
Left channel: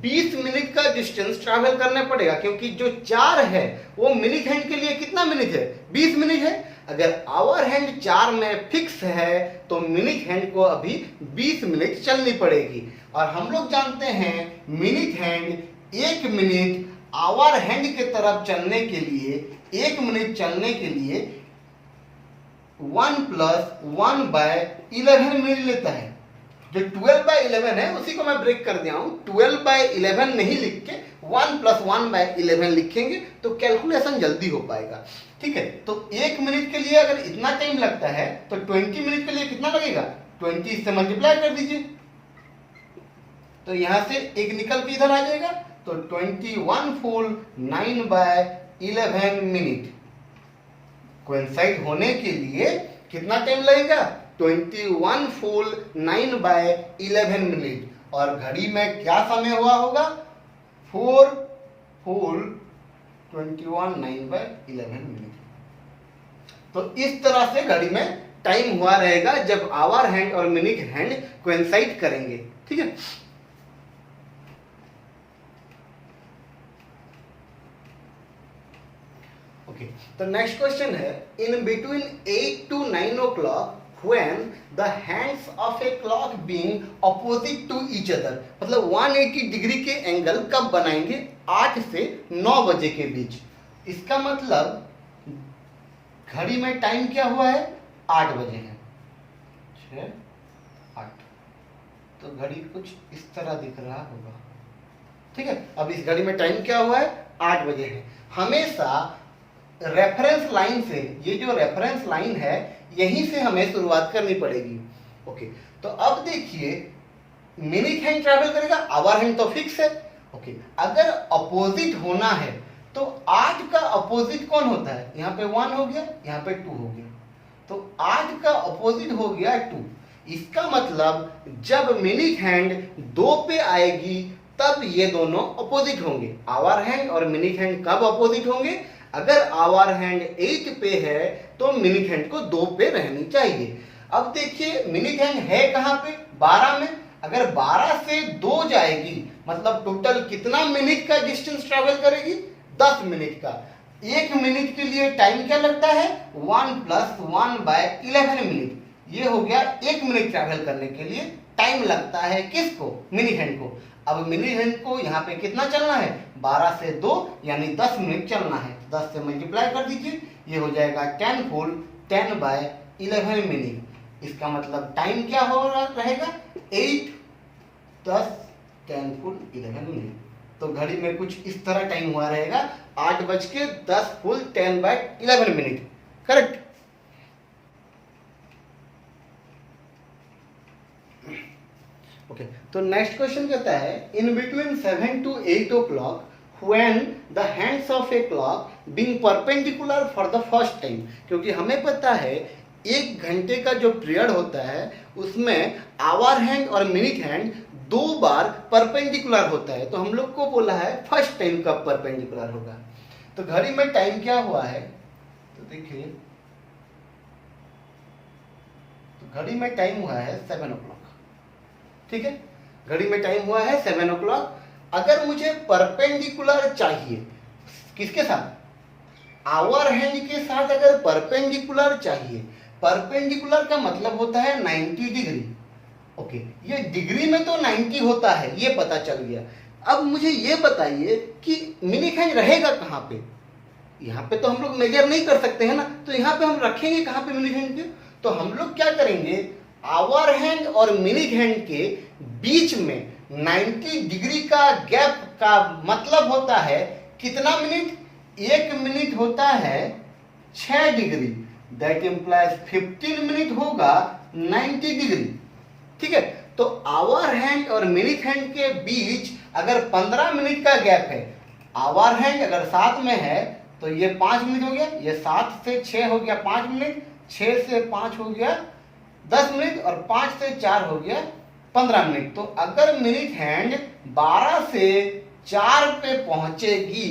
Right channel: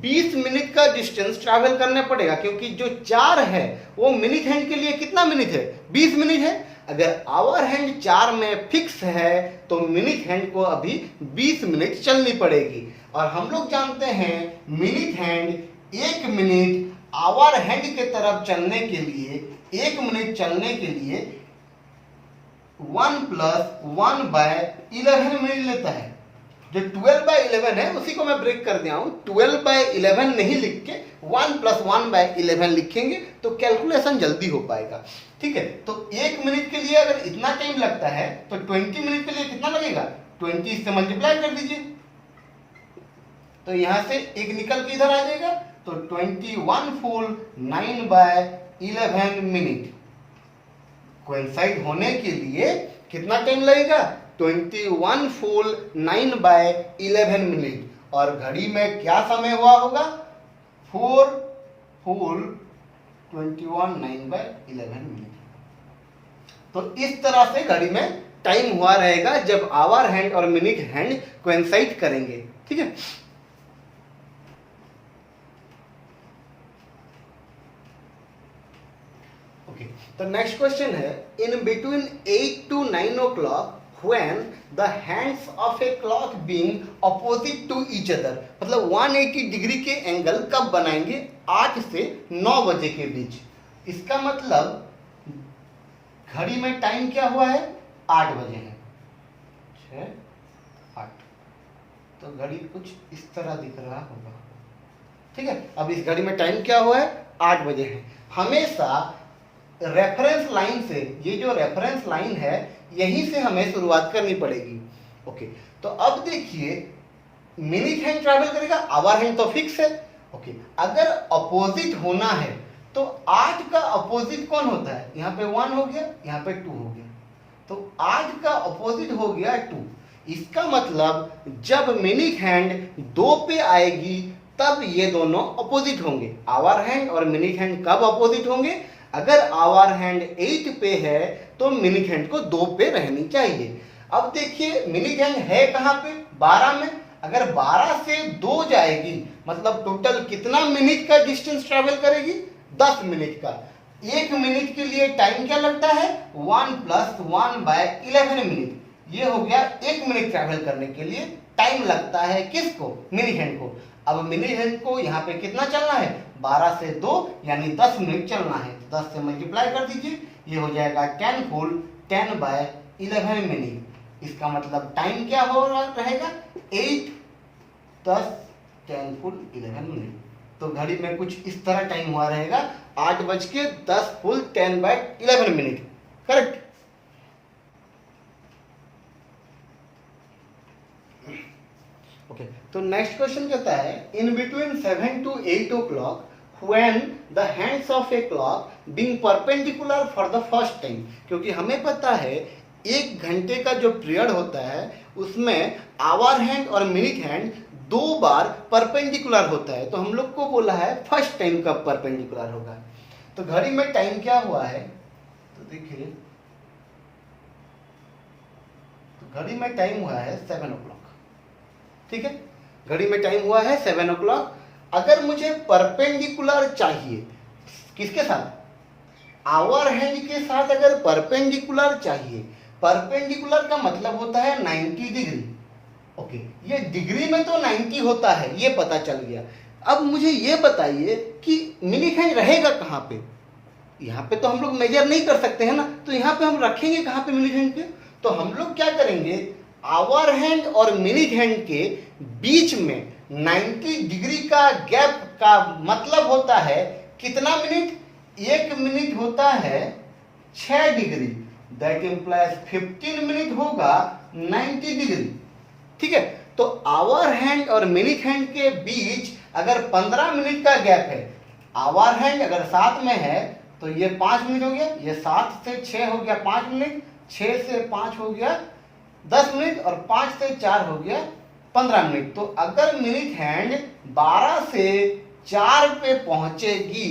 20 मिनट का डिस्टेंस ट्रैवल करना पड़ेगा, क्योंकि जो 4 है वो मिनिट हैंड के लिए कितना मिनट है? 20 मिनट है। अगर आवर हैंड 4 में फिक्स है तो मिनिट हैंड को अभी 20 मिनट चलनी पड़ेगी। और हम लोग जानते हैं minute hand 1 minute hour hand के तरफ चलने के लिए 1 मिनट चलने के लिए 1 + 1/11 मिनट लेता है। जो 12/11 है उसी को मैं ब्रेक कर दिया हूं। 12/11 नहीं लिख के 1 + 1/11 लिखेंगे तो कैलकुलेशन जल्दी हो पाएगा। ठीक है, तो 1 मिनट के लिए अगर इतना टाइम लगता है तो 20 मिनट के लिए कितना लगेगा? 20 से मल्टीप्लाई कर दीजिए, तो यहां से 1 निकल के इधर आ जाएगा, तो 21 फुल 9/11 मिनट कोइंसाइड होने के लिए कितना टाइम लगेगा? 21 फुल 9/11 मिनट। और घड़ी में क्या समय हुआ होगा? 4 फुल 21 9/11 मिनट। तो इस तरह से घड़ी में टाइम हुआ रहेगा जब आवर हैंड और मिनिट हैंड कोइंसाइड करेंगे। ठीक है, तो नेक्स्ट क्वेश्चन है, in between 8 to 9 o'clock when the hands of a clock being opposite to each other, मतलब 180 डिग्री के एंगल कब बनाएंगे? 8 से 9 बजे के बीच। इसका मतलब घड़ी में टाइम क्या हुआ है? 8 बजे है। 6 8, तो घड़ी कुछ इस तरह दिख रहा होगा। ठीक है, अब इस घड़ी में टाइम क्या हुआ है? 8 बजे है। हमेशा रेफरेंस लाइन से, ये जो रेफरेंस लाइन है यहीं से हमें शुरुआत करनी पड़ेगी। ओके, तो अब देखिए मिनिट हैंड ट्रैवल करेगा, आवर हैंड तो फिक्स है। ओके, अगर अपोजिट होना है तो 8 का अपोजिट कौन होता है? यहाँ पे 1 हो गया, यहाँ पे 2 हो गया, तो 8 का अपोजिट हो गया 2। इसका मतलब जब मिनिट हैंड 2 पे आएगी तब ये दोनों अपोजिट होंगे। आवर हैंड और मिनिट हैंड कब अपोजिट होंगे? अगर आवर हैंड 8 पे है तो मिनिट हैंड को 2 पे रहनी चाहिए। अब देखिए मिनिट हैंड है कहां पे? 12 में। अगर 12 से 2 जाएगी मतलब टोटल कितना मिनट का डिस्टेंस ट्रैवल करेगी? 10 मिनट का। 1 मिनट के लिए टाइम क्या लगता है? 1 + 1/11 मिनट। ये हो गया 1 मिनट ट्रैवल करने के लिए टाइम लगता है किसको? मिनिट हैंड को। अब मिनिट हैंड को यहाँ पे कितना चलना है? 12 से 2 यानी 10 मिनट चलना है। 10 से मल्टीप्लाई कर दीजिए, ये हो जाएगा 10 फुल 10/11 मिनट। इसका मतलब टाइम क्या हो रहा रहेगा? 8 10 10 फुल 11 मिनट। तो घड़ी में कुछ इस तरह टाइम हुआ रहेगा, 8:10 फुल 10/11 मिनट। करेक्ट? ओके, तो नेक्स्ट क्वेश्चन कहता है, in between 7 to 8 o'clock when the hands of a clock being perpendicular for the first time, क्योंकि हमें पता है 1 घंटे का जो पीरियड होता है उसमें आवर हैंड और मिनिट हैंड 2 बार परपेंडिकुलर होता है। तो हम लोग को बोला है फर्स्ट टाइम कब परपेंडिकुलर होगा। तो घड़ी में टाइम क्या हुआ है? तो देखिए, तो घड़ी में टाइम हुआ है 7 o'clock। ठीक है, घड़ी में टाइम हुआ है 7 o'clock। अगर मुझे परपेंडिकुलर चाहिए, किसके साथ? आवर हैंड के साथ। अगर परपेंडिकुलर चाहिए, परपेंडिकुलर का मतलब होता है 90 डिग्री। ओके, ये डिग्री में तो 90 होता है, ये पता चल गया। अब मुझे ये बताइए कि मिनिट हैंड रहेगा कहाँ पे? यहाँ पे तो हम लोग मेजर नहीं कर सकते हैं ना, तो यहाँ पे हम रखेंगे कहाँ पे मिनिट हैंड के? तो हम लोग क्या करेंगे, आवर हैंड और मिनिट हैंड के बीच में 90 डिग्री का गैप का मतलब होता है कितना मिनट? 1 मिनट होता है 6 डिग्री, दैट इंप्लाइज 15 मिनट होगा 90 डिग्री। ठीक है, तो आवर हैंड और मिनिट हैंड के बीच अगर 15 मिनट का गैप है, आवर हैंड अगर 7 में है तो ये 5 मिनट हो गया, ये 7 से 6 हो गया 5 मिनट, 6 से 5 हो गया 10 मिनट, और 5 से 4 हो गया 15 मिनट। तो अगर मिनट हैंड 12 से 4 पे पहुंचेगी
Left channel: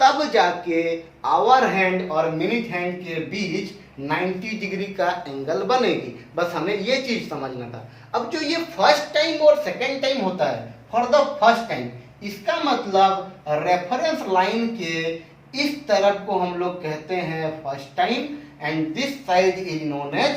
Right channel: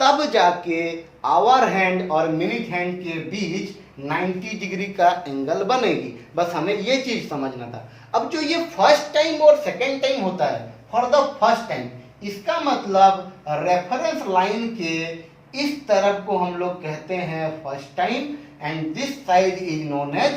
तब जाके आवर हैंड और मिनट हैंड के बीच 90 डिग्री का एंगल बनेगी। बस हमें ये चीज समझना था। अब जो ये फर्स्ट टाइम और सेकेंड टाइम होता है, फॉर द फर्स्ट टाइम, इसका मतलब रेफरेंस लाइन के इस तरफ को हम लोग कहते हैं first time and this side is known as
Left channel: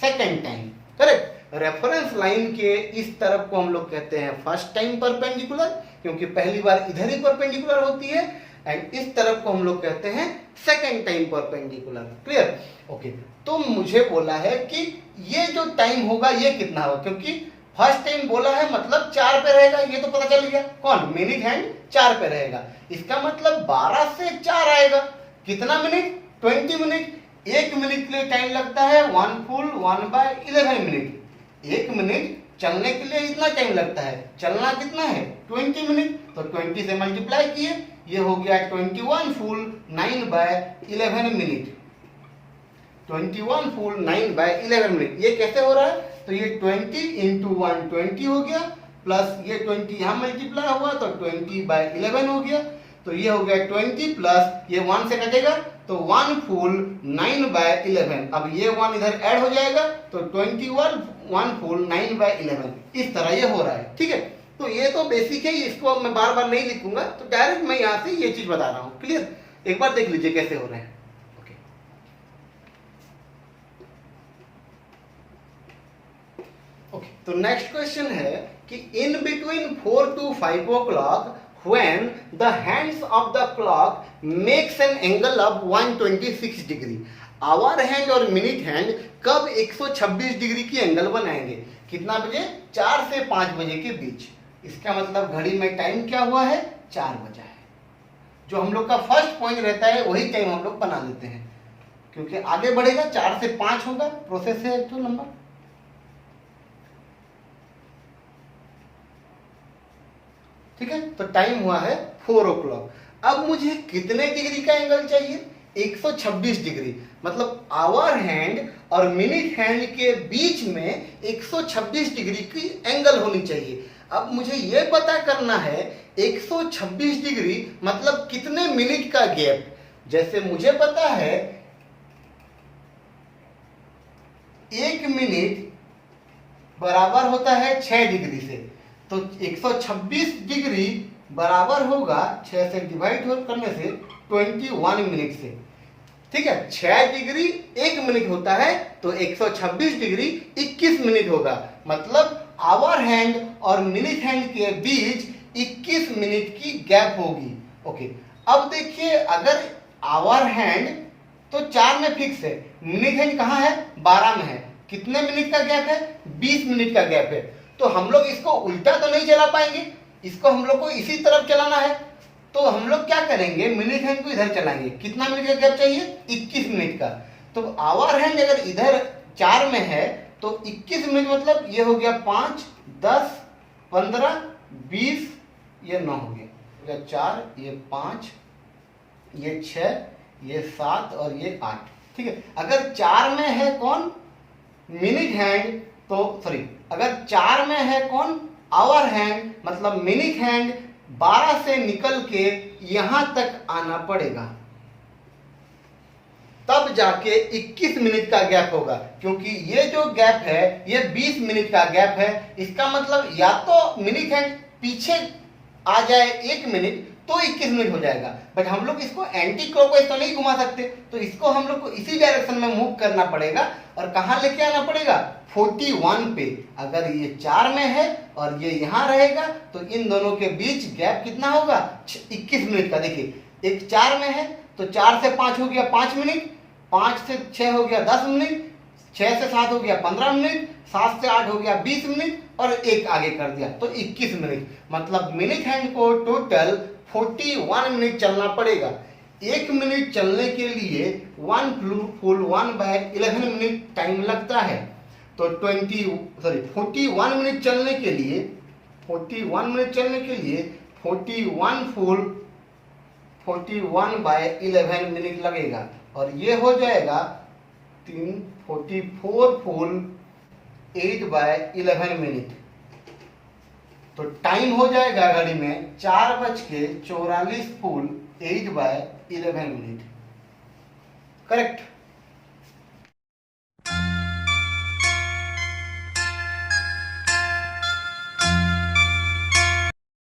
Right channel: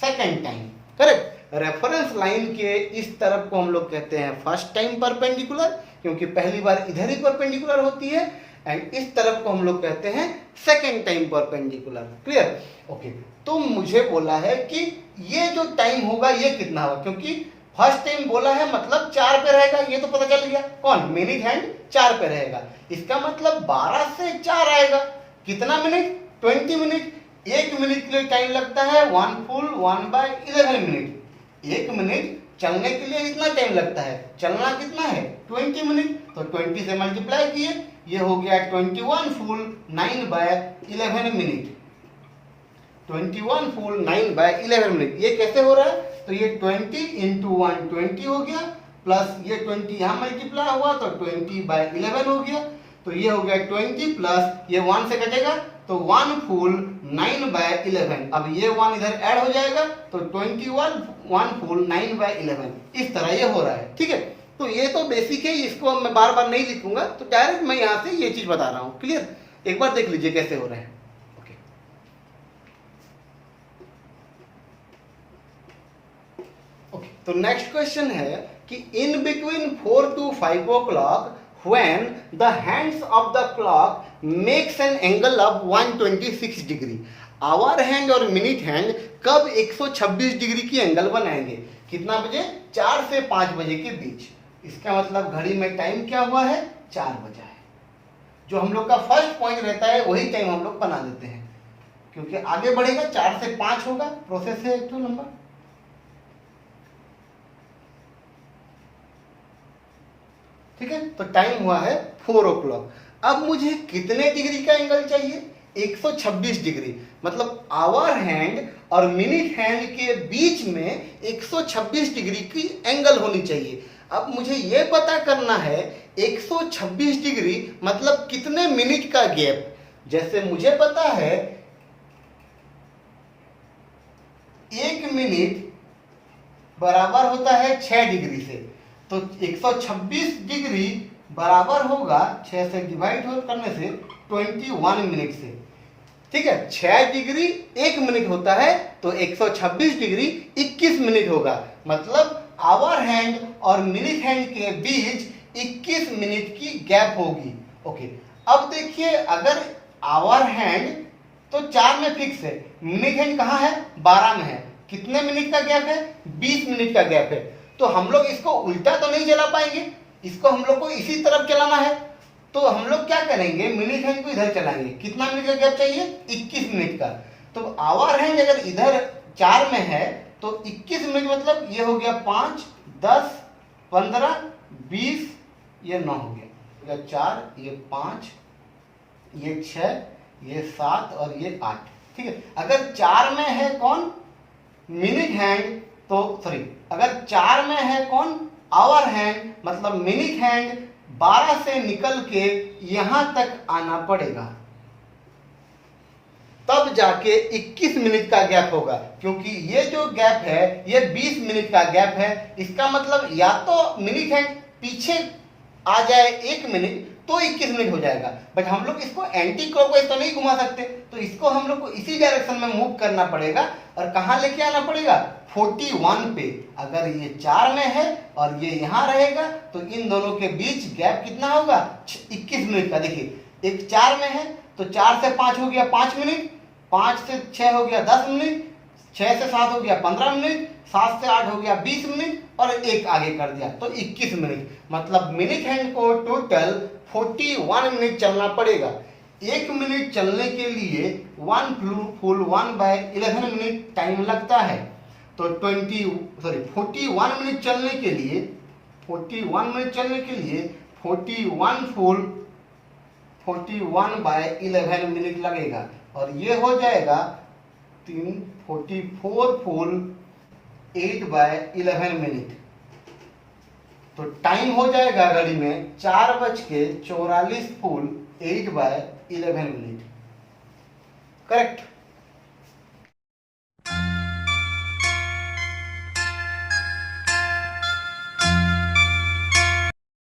second time. Correct. Reference line के इस तरफ को हम लोग कहते हैं फर्स्ट टाइम परपेंडिकुलर, क्योंकि पहली बार इधर ही परपेंडिकुलर होती है, एंड इस तरफ को हम लोग कहते हैं second time perpendicular. Clear? Okay. तो मुझे बोला है कि ये जो टाइम होगा ये कितना होगा, क्योंकि फर्स्ट टाइम बोला है मतलब 4 पे रहेगा, ये तो पता चल गया। कौन? मिनट हैंड 4 पे रहेगा। इसका मतलब 12 से 4 आएगा। कितना मिनट? 20 मिनट। 1 मिनट के लिए टाइम लगता है 1 फुल 1/11 मिनट। 1 मिनट चलने के लिए इतना टाइम लगता है, चलना कितना है? 20 मिनट। तो 20 से मल्टीप्लाई किए, ये हो गया 21 फुल 9/11 मिनट। 21 full 9/11 minute. ये कैसे हो रहा है? तो ये 20 इंटू 1 20 हो गया, प्लस ये 20 यहाँ मल्टीप्लाई हुआ तो 20/11 हो गया। तो ये हो गया 20 प्लस ये 1 से कटेगा तो 1 फुल 9/11। अब ये 1 इधर ऐड हो जाएगा तो 21 1 फुल 9/11। इस तरह ये हो रहा है। ठीक है। तो ये तो बेसिक है, इसको मैं बार बार नहीं लिखूंगा, तो डायरेक्ट मैं यहाँ से ये चीज बता रहा हूँ। क्लियर? एक बार देख लीजिए कैसे हो रहे हैं। ओके। तो नेक्स्ट क्वेश्चन है कि in between 4 to 5 o'clock when the hands of the clock makes an angle of 126 degree, hour hand और मिनट हैंड कब 126 डिग्री की एंगल बनाएंगे? कितना बजे? 4 से 5 बजे के बीच। इसका मतलब घड़ी में टाइम क्या हुआ है? 4 बजा है। जो हम लोग का फर्स्ट पॉइंट रहता है वही टाइम हम लोग बना लेते हैं, क्योंकि आगे बढ़ेगा 4 से 5 होगा। प्रोसेस है एक तो नंबर। ठीक है। तो टाइम हुआ है 4 o'clock। अब मुझे कितने डिग्री का एंगल चाहिए? 126 डिग्री। मतलब आवर हैंड और मिनट हैंड के बीच में 126 डिग्री की एंगल होनी चाहिए। अब मुझे यह पता करना है 126 डिग्री मतलब कितने मिनट का गैप। जैसे मुझे पता है 1 मिनट बराबर होता है 6 डिग्री से, तो 126 डिग्री बराबर होगा 6 से डिवाइड करने से 21 मिनट से। ठीक है। 6 डिग्री 1 मिनट होता है तो 126 डिग्री 21 मिनट होगा। मतलब आवर हैंड और मिनट हैंड के बीच 21 मिनट की गैप होगी। ओके। अब देखिए अगर आवर हैंड तो 4 में फिक्स है, मिनट हैंड कहाँ है? 12 में है। कितने मिनट का गैप है? 20 मिनट का गैप है। तो हम लोग इसको उल्टा तो नहीं चला पाएंगे, इसको हम लोग को इसी तरफ चलाना है। तो हम लोग क्या करेंगे? मिनट हैंड को इधर चलाएंगे। कितना मिनट का गैप चाहिए? 21 मिनट का। तो आवर हैंड अगर इधर 4 में है तो 21 मिनट मतलब ये हो गया 5 10 15 20, ये 9 हो गया। 4 ये 5 ये 6 ये 7 और ये 8। ठीक है। अगर 4 में है कौन? Minute hand. तो सॉरी, अगर 4 में है कौन? Hour hand. मतलब मिनट हैंड 12 से निकल के यहां तक आना पड़ेगा, तब जाके 21 मिनट का गैप होगा। क्योंकि ये जो गैप है ये 20 मिनट का गैप है। इसका मतलब या तो मिनट हैंड पीछे आ जाए 1 मिनट तो 21 मिनट हो जाएगा, बट हम लोग इसको एंटी क्लॉकवाइज तो नहीं घुमा सकते, तो इसको हम लोग को इसी डायरेक्शन में मूव करना पड़ेगा। और कहां लेके आना पड़ेगा? 41 पे। अगर ये 4 में है और ये यहां रहेगा तो इन दोनों के बीच गैप कितना होगा? 21 मिनट का। देखिए एक 4 में है तो 4 से 5 हो गया 5 मिनट, 5 से 6 हो गया 10 मिनट, 6 से 7 हो गया 15 मिनट, 7 से 8 हो गया 20 मिनट और एक आगे कर दिया तो 21 मिनट। मतलब मिनट हैंड को टोटल 41 मिनट चलना पड़ेगा। 1 मिनट चलने के लिए 1 फुल 1/11 मिनट टाइम लगता है। तो 41 मिनट चलने के लिए 41 फुल 41/11 मिनट लगेगा। और ये हो जाएगा 44 फुल 8/11 मिनट। तो टाइम हो जाएगा घड़ी में 4:44 फुल 8/11 मिनट। करेक्ट।